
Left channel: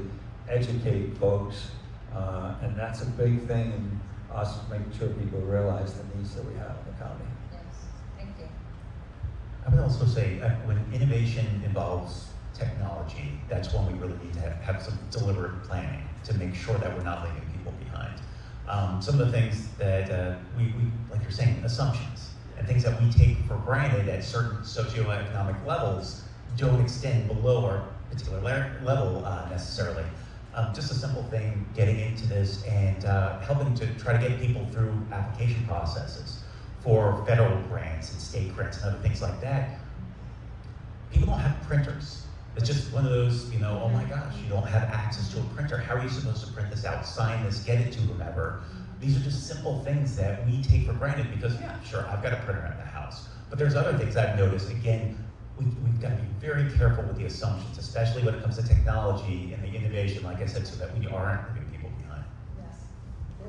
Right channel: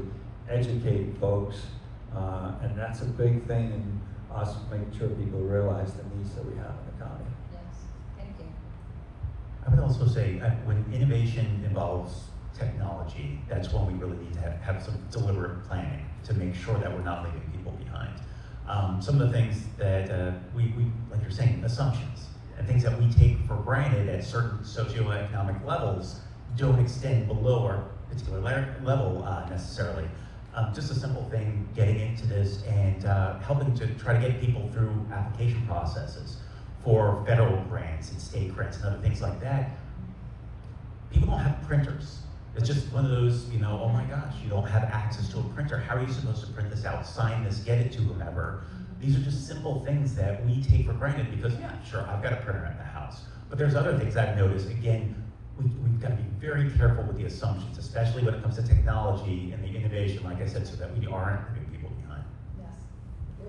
educate folks, and that's a big thing in us making sure people realize the needs that we have in the county. Yes, thank you. I would also say that when innovation involves technology, that's when we really need to have some deliberate planning to make sure that we're not leaving people behind. Some of the things that we like you're saying, assumptions, and things that we take for granted at certain socioeconomic levels don't extend below our particular level necessarily. Just a simple thing, getting into this and helping to try to get people through application processes for federal grants and state grants and other things like that. People don't have printers. It's just one of those, oh my gosh, you don't have access to a printer. How are you supposed to print this out, sign this, get it to whomever? These are just simple things that we take for granted because, yeah, sure, I've got a printer at my house. But there's other things I've noticed. Again, we've got to be very careful with the assumptions, especially when it comes to technology and the innovation, like I said, so that we aren't leaving people behind. Yes.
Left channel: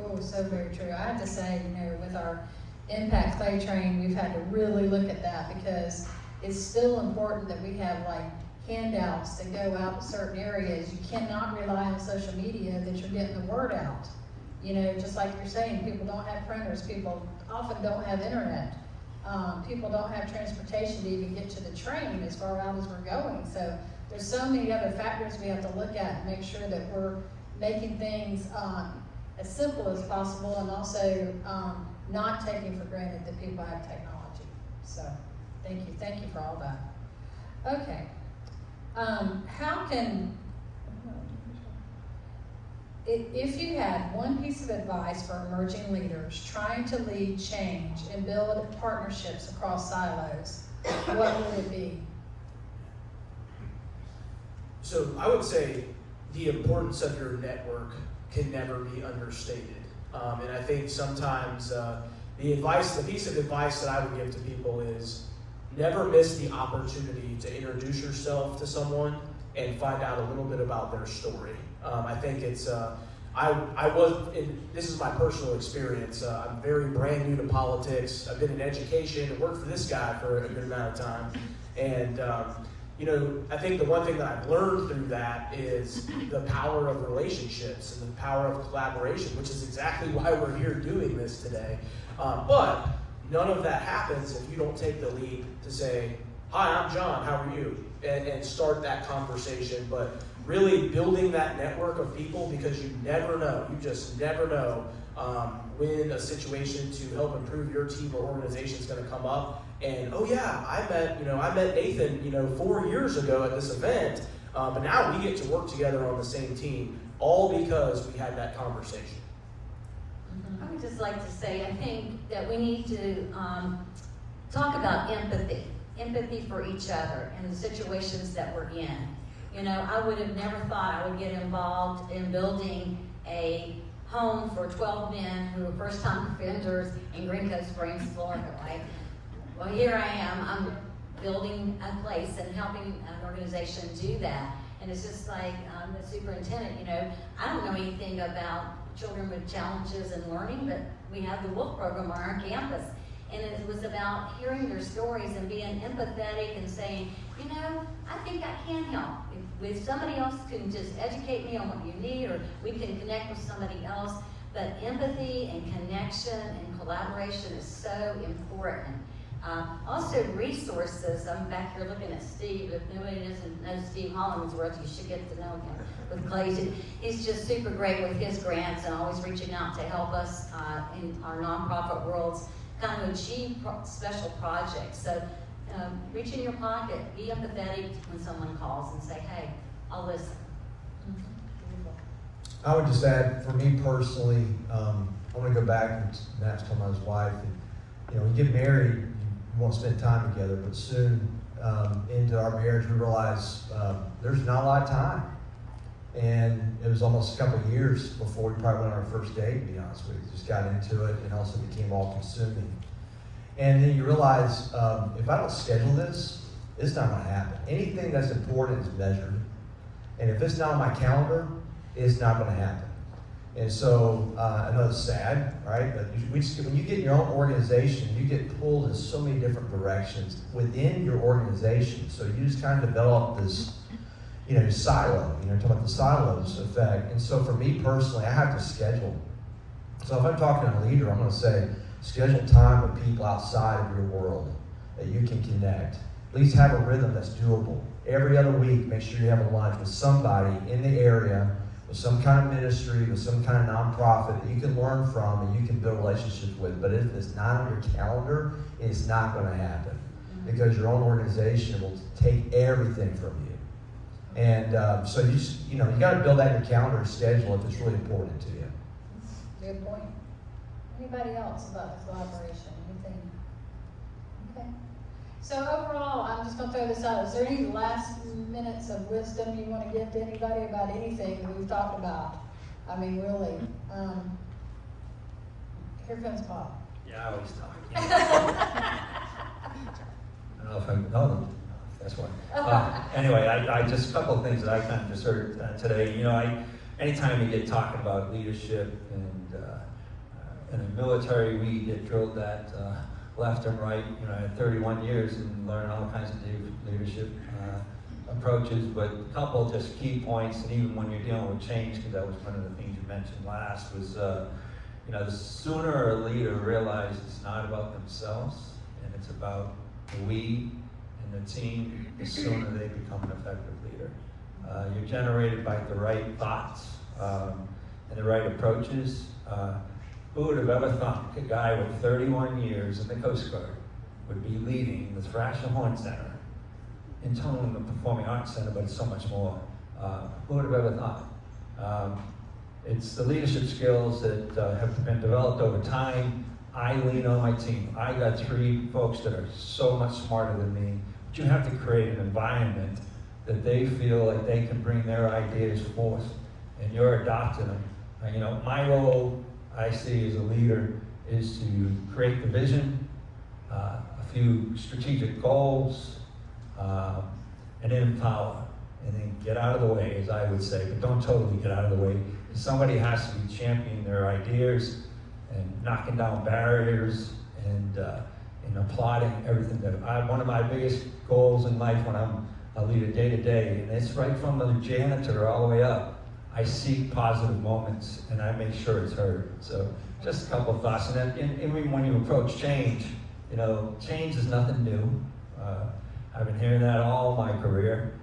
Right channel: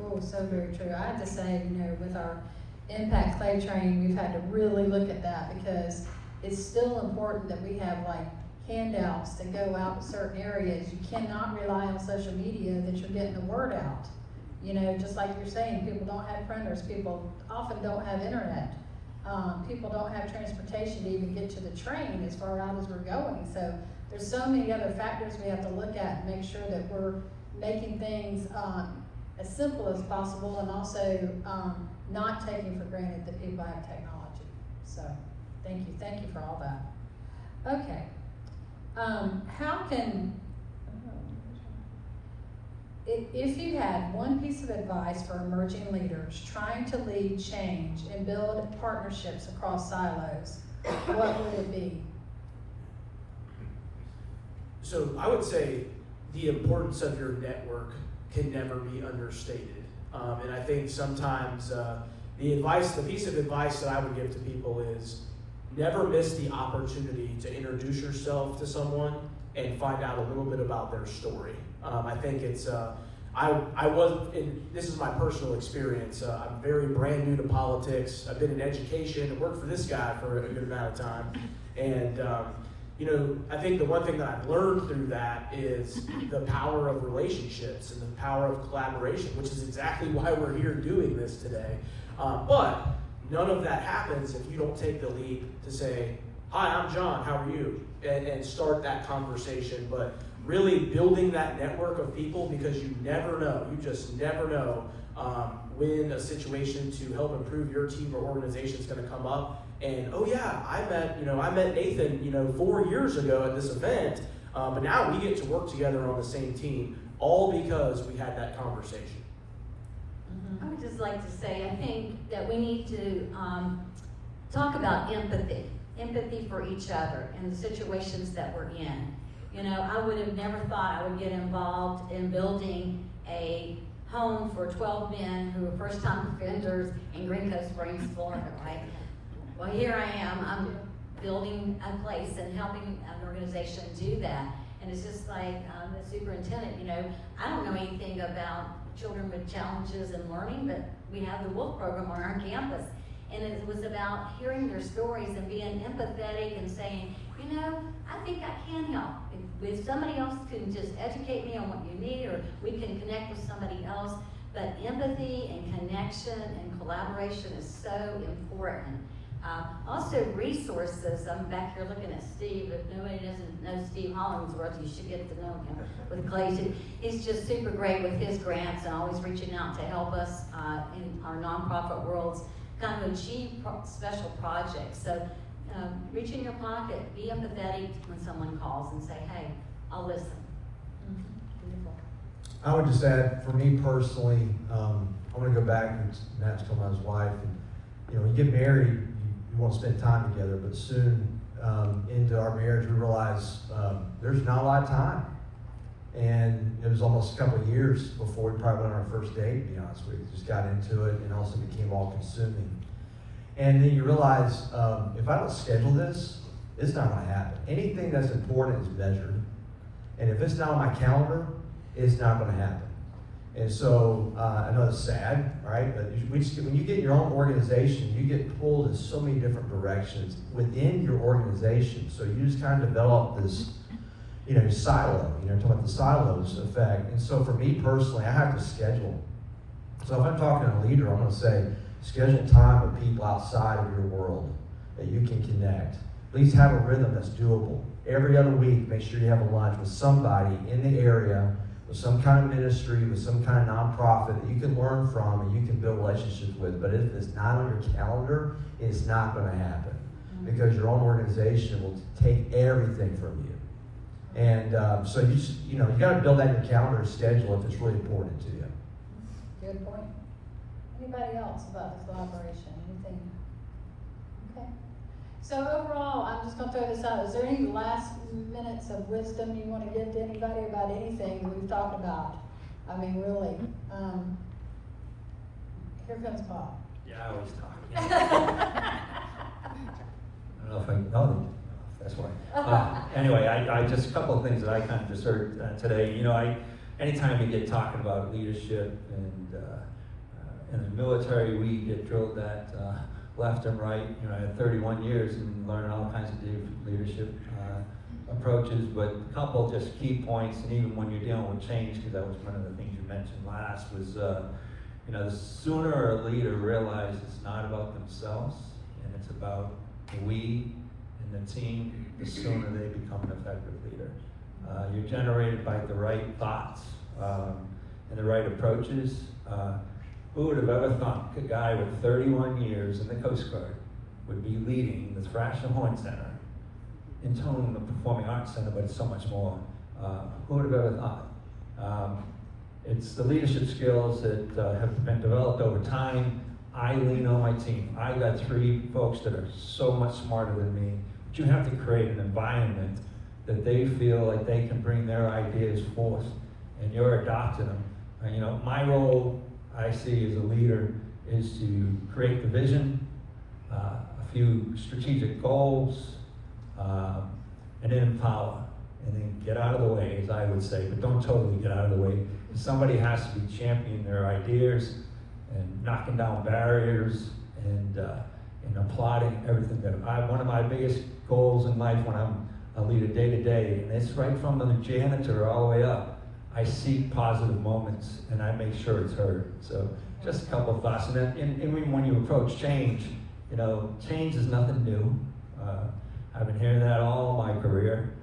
Oh, so very true. I have to say, with our impact play train, we've had to really look at that because it's still important that we have handouts that go out to certain areas. You cannot rely on social media that you're getting the word out. Just like you're saying, people don't have printers, people often don't have internet. People don't have transportation to even get to the train as far out as we're going. So there's so many other factors we have to look at and make sure that we're making things as simple as possible and also not taking for granted that people have technology. So thank you for all that. Okay. How can, if you had one piece of advice for emerging leaders trying to lead change and build partnerships across silos, what would it be? So I would say the importance of your network can never be understated. And I think sometimes the piece of advice that I would give to people is never miss the opportunity to introduce yourself to someone and find out a little bit about their story. I think it's, this is my personal experience. I'm very brand new to politics. I've been in education, worked for this guy for a good amount of time. And, I think the one thing that I've learned through that is the power of relationships and the power of collaboration, which is exactly why we're here doing this today. But none of that happens if you don't take the lead to say, hi, I'm John, how are you? And start that conversation. But really building that network of people, because you just never know when a situation to help improve your team or organization is going to come up. And oh yeah, I met Nathan 4 years ago at this event, but now we get to work together on the same team, all because we had that conversation. I would just like to say, I think that we need to talk about empathy for each other in the situations that we're in. I would have never thought I would get involved in building a home for 12 men who were first-time offenders in Green Cove Springs, Florida, right? Well, here I am, I'm building a place and helping an organization do that. And it's just like the superintendent, I don't know anything about children with challenges in learning, but we have the WOLF program on our campus. And it was about hearing their stories and being empathetic and saying, I think I can help. If somebody else can just educate me on what you need, or we can connect with somebody else. But empathy and connection and collaboration is so important. Also resources. I'm back here looking at Steve. If nobody doesn't know Steve Hollingsworth, you should get to know him with Clayton. He's just super great with his grants and always reaching out to help us in our nonprofit worlds kind of achieve special projects. So reach in your pocket, be empathetic when someone calls and say, hey, I'll listen. I would just add, for me personally, I want to go back, and Matt's talking about his wife, and when you get married, you want to spend time together, but soon into our marriage, we realized there's not a lot of time. And it was almost a couple of years before we probably went on our first date, to be honest with you. Just got into it and also became all consuming. And then you realize, if I don't schedule this, it's not going to happen. Anything that's important is measured. And if it's not on my calendar, it's not going to happen. And so I know it's sad. right? But when you get your own organization, you get pulled in so many different directions within your organization. So you just kind of develop this, silo. Talking about the silos effect. And so for me personally, I have to schedule. So if I'm talking to a leader, I'm going to say, schedule time with people outside of your world that you can connect. At least have a rhythm that's doable. Every other week, make sure you have a lunch with somebody in the area, with some kind of ministry, with some kind of nonprofit that you can learn from and you can build relationships with. But if it's not on your calendar, it's not going to happen. Because your own organization will take everything from you. And so you got to build that in your calendar schedule if it's really important to you. Good point. Anybody else about the collaboration? Anything? Okay. So overall, I'm just going to throw this out. Is there any last minutes of wisdom you want to give to anybody about anything we've talked about? I mean, really. Here comes Bob. Yeah, I always talk. I don't know if I, that's why. Anyway, I just a couple of things that I kind of just heard today. Anytime you get talking about leadership and in the military, we get drilled that left and right. I had 31 years and learned all kinds of leadership approaches, but a couple of just key points, and even when you're dealing with change, because that was one of the things you mentioned last, was the sooner a leader realizes it's not about themselves and it's about we and the team, the sooner they become an effective leader. You're generated by the right thoughts and the right approaches. Who would have ever thought a guy with 31 years in the Coast Guard would be leading the Thrasher Horne Center, in tone the Performing Arts Center, but it's so much more. Who would have ever thought? It's the leadership skills that have been developed over time. I lean on my team. I got 3 folks that are so much smarter than me. But you have to create an environment that they feel like they can bring their ideas forth, and you're adopting them. And, my role, I see as a leader, is to create the vision, a few strategic goals, and then empower, and then get out of the way, as I would say, but don't totally get out of the way. Somebody has to be championing their ideas and knocking down barriers and applauding everything that one of my biggest goals in life when I'm a leader day to day, and it's right from the janitor all the way up. I seek positive moments and I make sure it's heard. So just a couple of thoughts. And even when you approach change, change is nothing new. I've been hearing that all my career.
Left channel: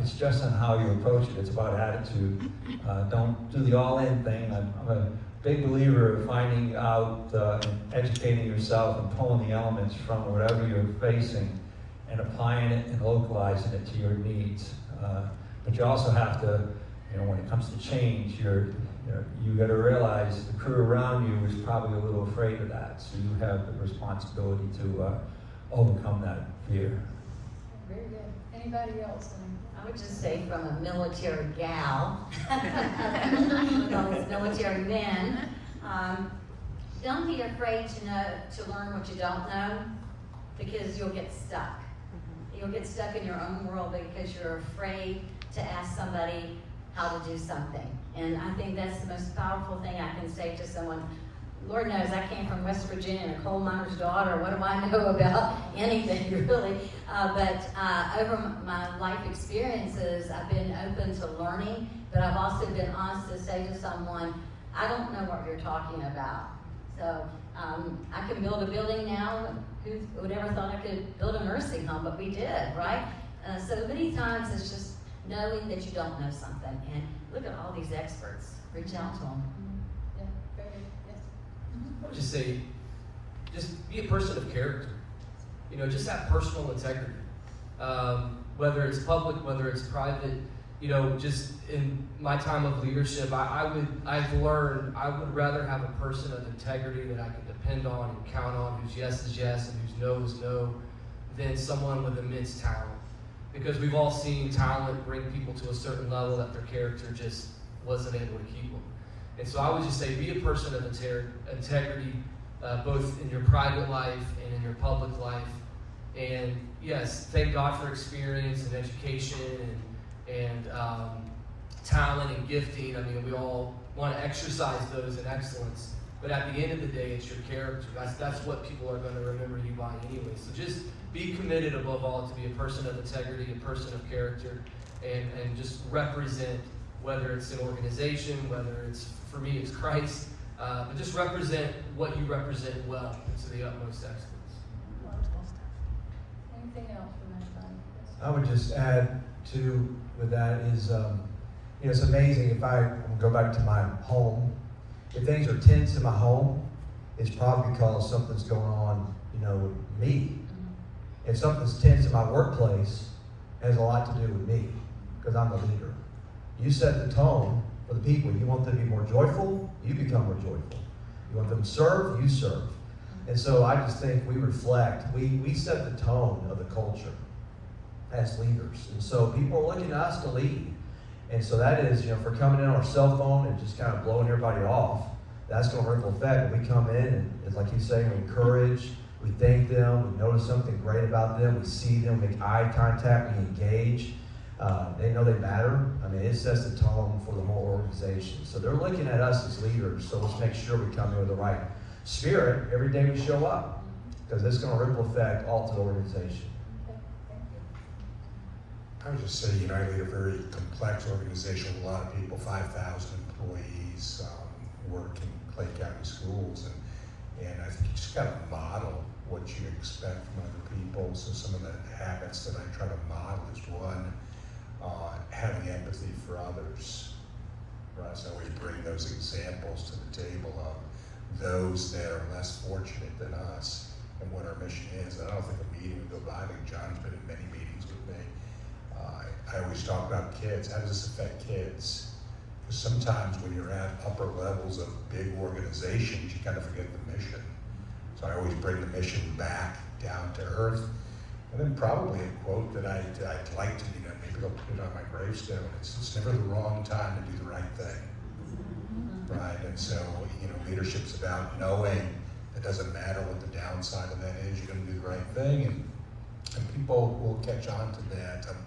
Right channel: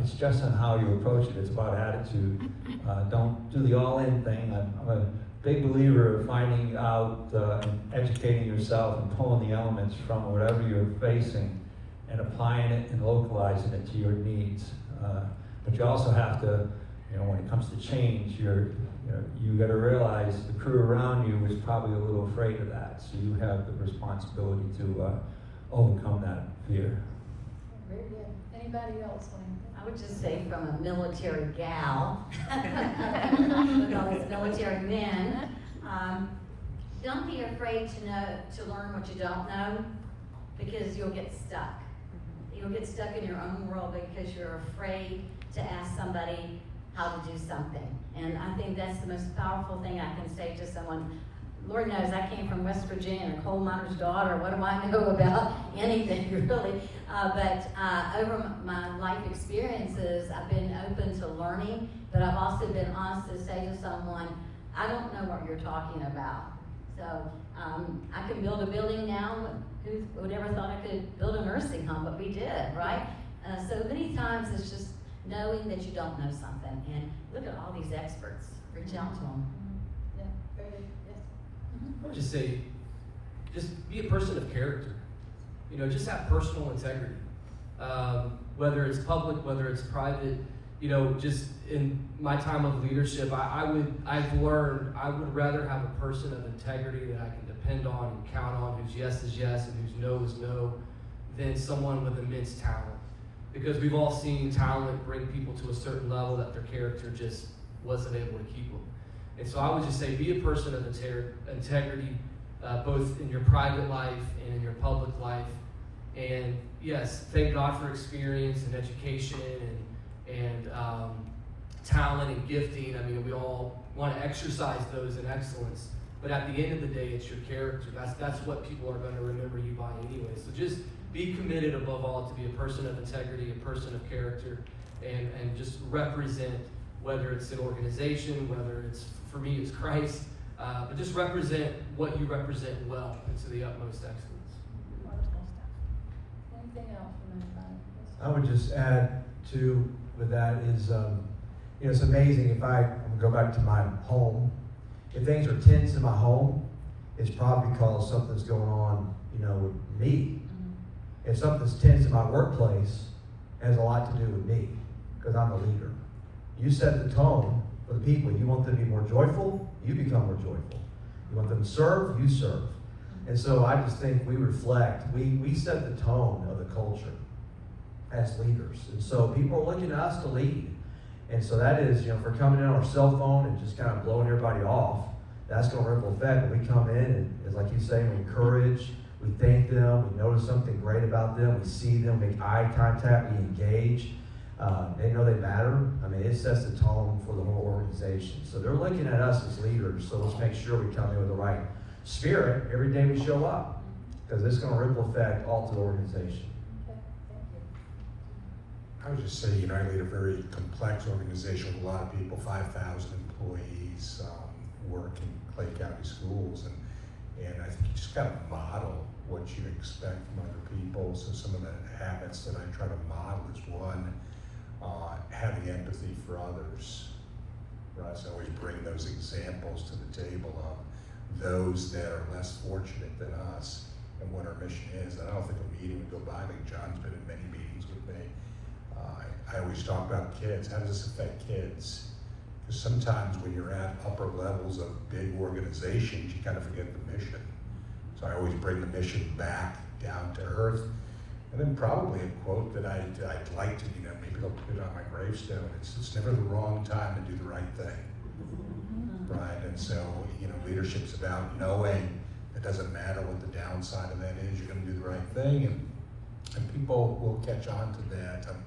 It's just on how you approach it. It's about attitude. Don't do the all-in thing. I'm a big believer of finding out and educating yourself and pulling the elements from whatever you're facing and applying it and localizing it to your needs. But you also have to, when it comes to change, you got to realize the crew around you is probably a little afraid of that. So you have the responsibility to overcome that fear. Very good. Anybody else? I would just say from a military gal, with all these military men, don't be afraid to learn what you don't know, because you'll get stuck. You'll get stuck in your own world because you're afraid to ask somebody how to do something. And I think that's the most powerful thing I can say to someone. Lord knows I came from West Virginia, a coal miner's daughter. What do I know about anything, really? But over my life experiences, I've been open to learning, but I've also been honest to say to someone, I don't know what you're talking about. So I can build a building now. Who would ever thought I could build a nursing home, but we did, right? So many times it's just knowing that you don't know something. And look at all these experts. Reach out to them. I would just say, just be a person of character. Just have personal integrity. Whether it's public, whether it's private, just in my time of leadership, I've learned I would rather have a person of integrity that I can depend on and count on, whose yes is yes and whose no is no, than someone with immense talent. Because we've all seen talent bring people to a certain level that their character just wasn't able to keep them. And so I would just say, be a person of integrity, both in your private life and in your public life. And yes, thank God for experience and education and talent and gifting. I mean, we all want to exercise those in excellence. But at the end of the day, it's your character. That's what people are going to remember you by anyway. So just be committed above all to be a person of integrity, a person of character, and just represent, whether it's the organization, whether it's, for me, it's Christ, but just represent what you represent well and to the utmost excellence. Anything else from Ms. Connie? I would just add to with that is, it's amazing if I go back to my home, if things are tense in my home, it's probably because something's going on, with me. If something's tense in my workplace, it has a lot to do with me, because I'm a leader. You set the tone for the people. You want them to be more joyful, you become more joyful. You want them to serve, you serve. And so I just think we reflect, we set the tone of the culture as leaders. And so people are looking at us to lead. And so that is, if we're coming in on our cell phone and just kind of blowing everybody off, that's going to ripple effect. We come in and, as I keep saying, we encourage, we thank them, we notice something great about them, we see them, make eye contact, we engage. They know they matter. I mean, it sets the tone for the whole organization. So they're looking at us as leaders, so let's make sure we come in with the right spirit every day we show up, because it's going to ripple effect all to the organization. I would just say, I lead a very complex organization, a lot of people, 5,000 employees, work in Clay County schools, and I think you just got to model what you expect from other people. So some of the habits that I try to model is one, having empathy for others. So we bring those examples to the table of those that are less fortunate than us and what our mission is. And I don't think the meeting with the Bible, John's been in many meetings with me. I always talk about kids. How does this affect kids? Because sometimes when you're at upper levels of big organizations, you kind of forget the mission. So I always bring the mission back down to earth. And then probably a quote that I'd like to, maybe I'll put on my gravestone. It's never the wrong time to do the right thing. Right? And so, leadership's about knowing it doesn't matter what the downside of that is, you're going to do the right thing, and people will catch on to that. I'm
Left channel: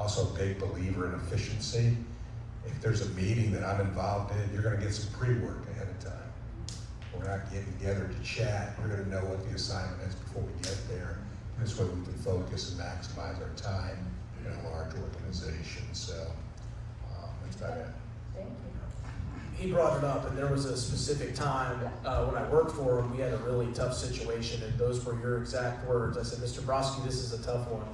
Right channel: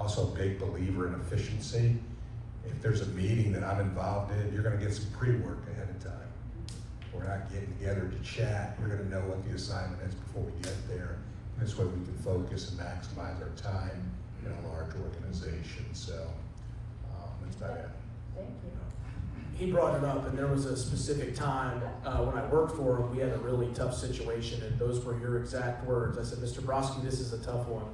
also a big believer in efficiency. If there's a meeting that I'm involved in, you're going to get some pre-work ahead of time. We're not getting together to chat. We're going to know what the assignment is before we get there. This way we can focus and maximize our time in a large organization. So that's about it. He brought it up, and there was a specific time when I worked for him, we had a really tough situation, and those were your exact words. I said, Mr. Broskie, this is a tough one.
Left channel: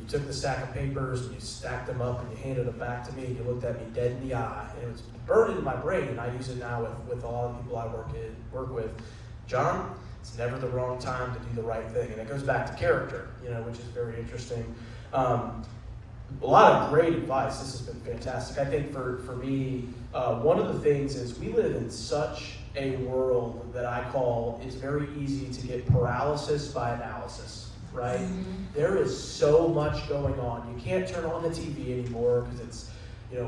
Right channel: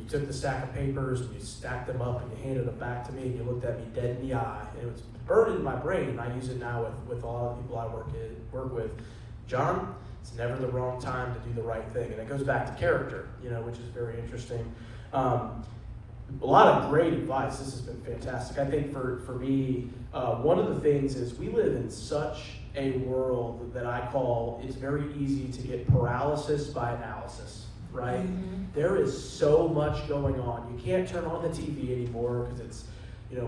You took the stack of papers, and you stacked them up, and you handed them back to me, and you looked at me dead in the eye. And it was burned in my brain. I use it now with a lot of people I work with. John, it's never the wrong time to do the right thing. And it goes back to character, which is very interesting. A lot of great advice. This has been fantastic. I think for me, one of the things is we live in such a world that I call it's very easy to get paralysis by analysis, right? Mm-hmm. There is so much going on. You can't turn on the TV anymore because it's,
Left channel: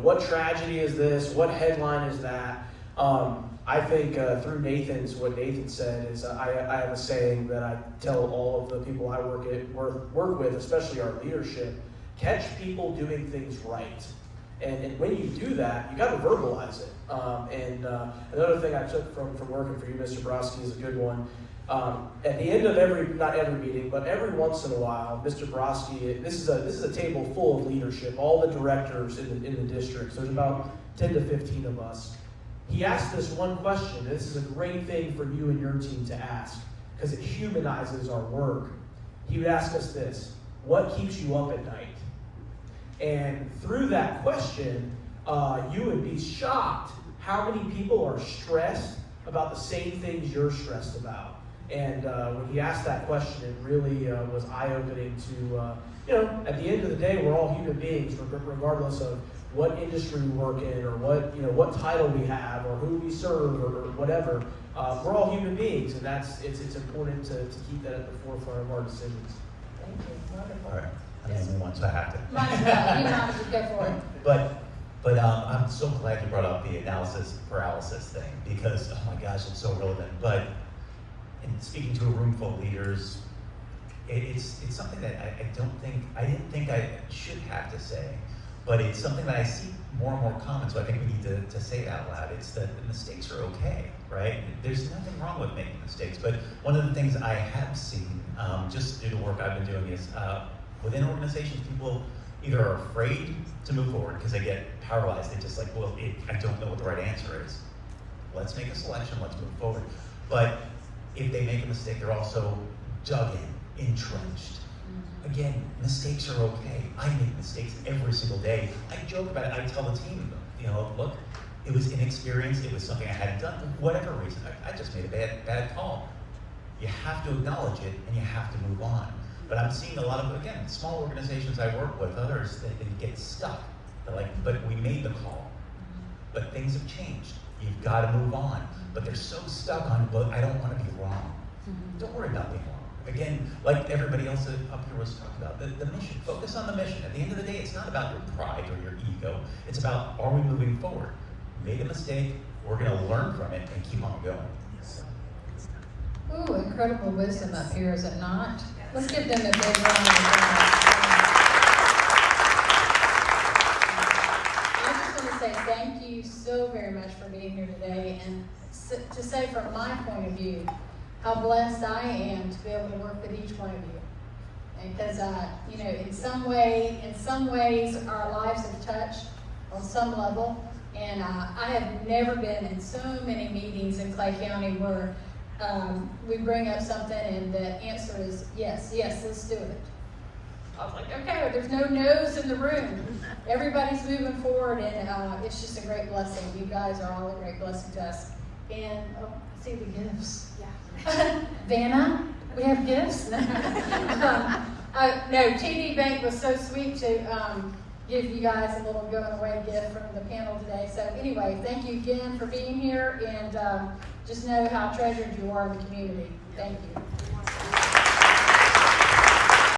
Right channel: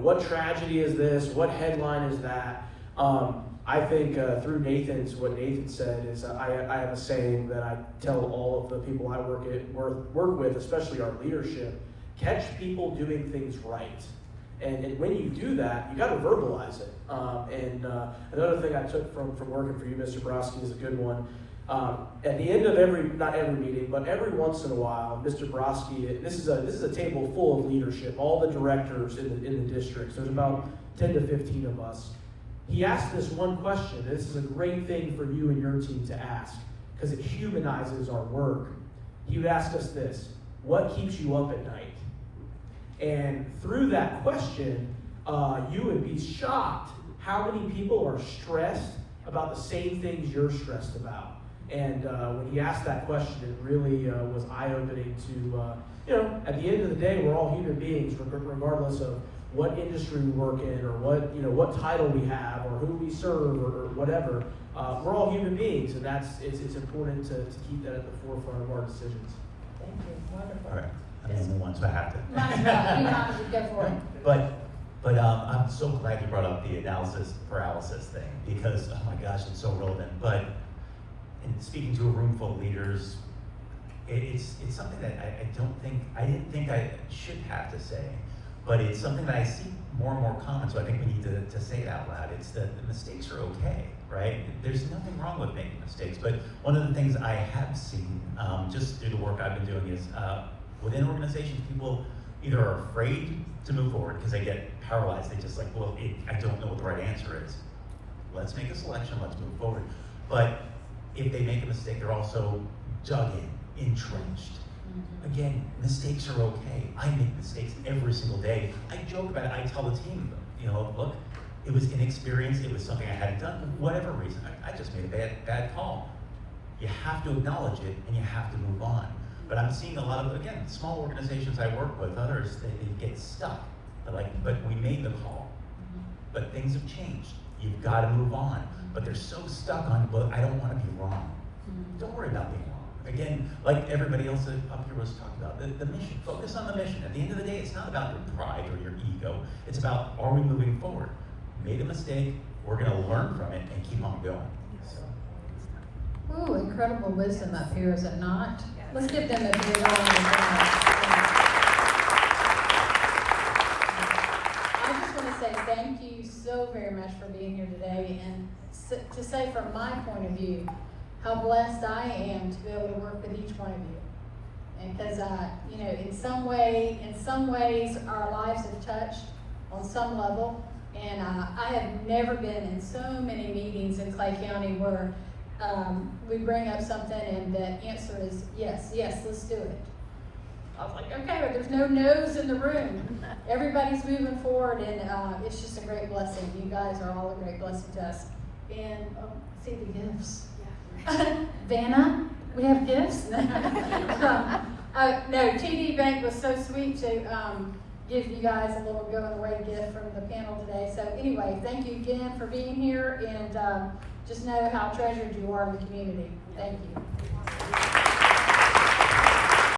what tragedy is this? What headline is that? I think through what Nathan said is I have a saying that I tell all of the people I work with, especially our leadership, catch people doing things right. And when you do that, you got to verbalize it. Another thing I took from working for you, Mr. Broskie, is a good one. At the end of not every meeting, but every once in a while, Mr. Broskie, this is a table full of leadership, all the directors in the district. So there's about 10 to 15 of us. He asked this one question. This is a great thing for you and your team to ask because it humanizes our work. He would ask us this: what keeps you up at night? And through that question, you would be shocked how many people are stressed about the same things you're stressed about. And when he asked that question, it really was eye-opening to, at the end of the day, we're all human beings, regardless of what industry we work in or what title we have or who we serve or whatever. We're all human beings, and it's important to keep that at the forefront of our decisions. Thank you. Wonderful. All right. Once I have to. You have to go for it. But I'm so glad you brought up the analysis paralysis thing because, oh my gosh, it's so relevant. But in speaking to a room full of leaders, it's something that I didn't think I should have to say, but it's something that I see more and more common, so I think we need to say it out loud. It's that the mistakes are okay. right? There's nothing wrong with making mistakes, but one of the things I have seen, just through the work I've been doing, is within organizations, people either are afraid to move forward because they get paralyzed. They just like, well, I don't know what the right answer is. Let's make a selection, let's move forward. But if they make a mistake, they're also dug in, entrenched. Again, mistakes are okay. I make mistakes every single day. I joke about it. I tell the team, look, it was inexperience. It was something I hadn't done. Whatever reason, I just made a bad call. You have to acknowledge it and you have to move on. But I'm seeing a lot of, again, small organizations I work with, others, they get stuck. They're like, but we made the call. But things have changed. You've got to move on. But they're so stuck on, well, I don't want to be wrong. Don't worry about being wrong. Again, like everybody else up here was talking about, the mission. Focus on the mission. At the end of the day, it's not about your pride or your ego. It's about, are we moving forward? We made a mistake. We're going to learn from it and keep on going. Ooh, incredible wisdom up here, is it not? Let's give them a big round of applause. I'm just going to say thank you so very much for being here today, and to say from my point of view, how blessed I am to be able to work with each one of you. And because, in some ways, our lives have touched on some level, and I have never been in so many meetings in Clay County where we bring up something and the answer is yes, let's do it. I was like, okay, there's no no's in the room. Everybody's moving forward, and it's just a great blessing. You guys are all a great blessing to us. And see the gifts. Yeah. Vanna, we have gifts. No, TD Bank was so sweet to give you guys a little go-away gift from the panel today. So anyway, thank you again for being here, and just know how treasured you are in the community. Thank you.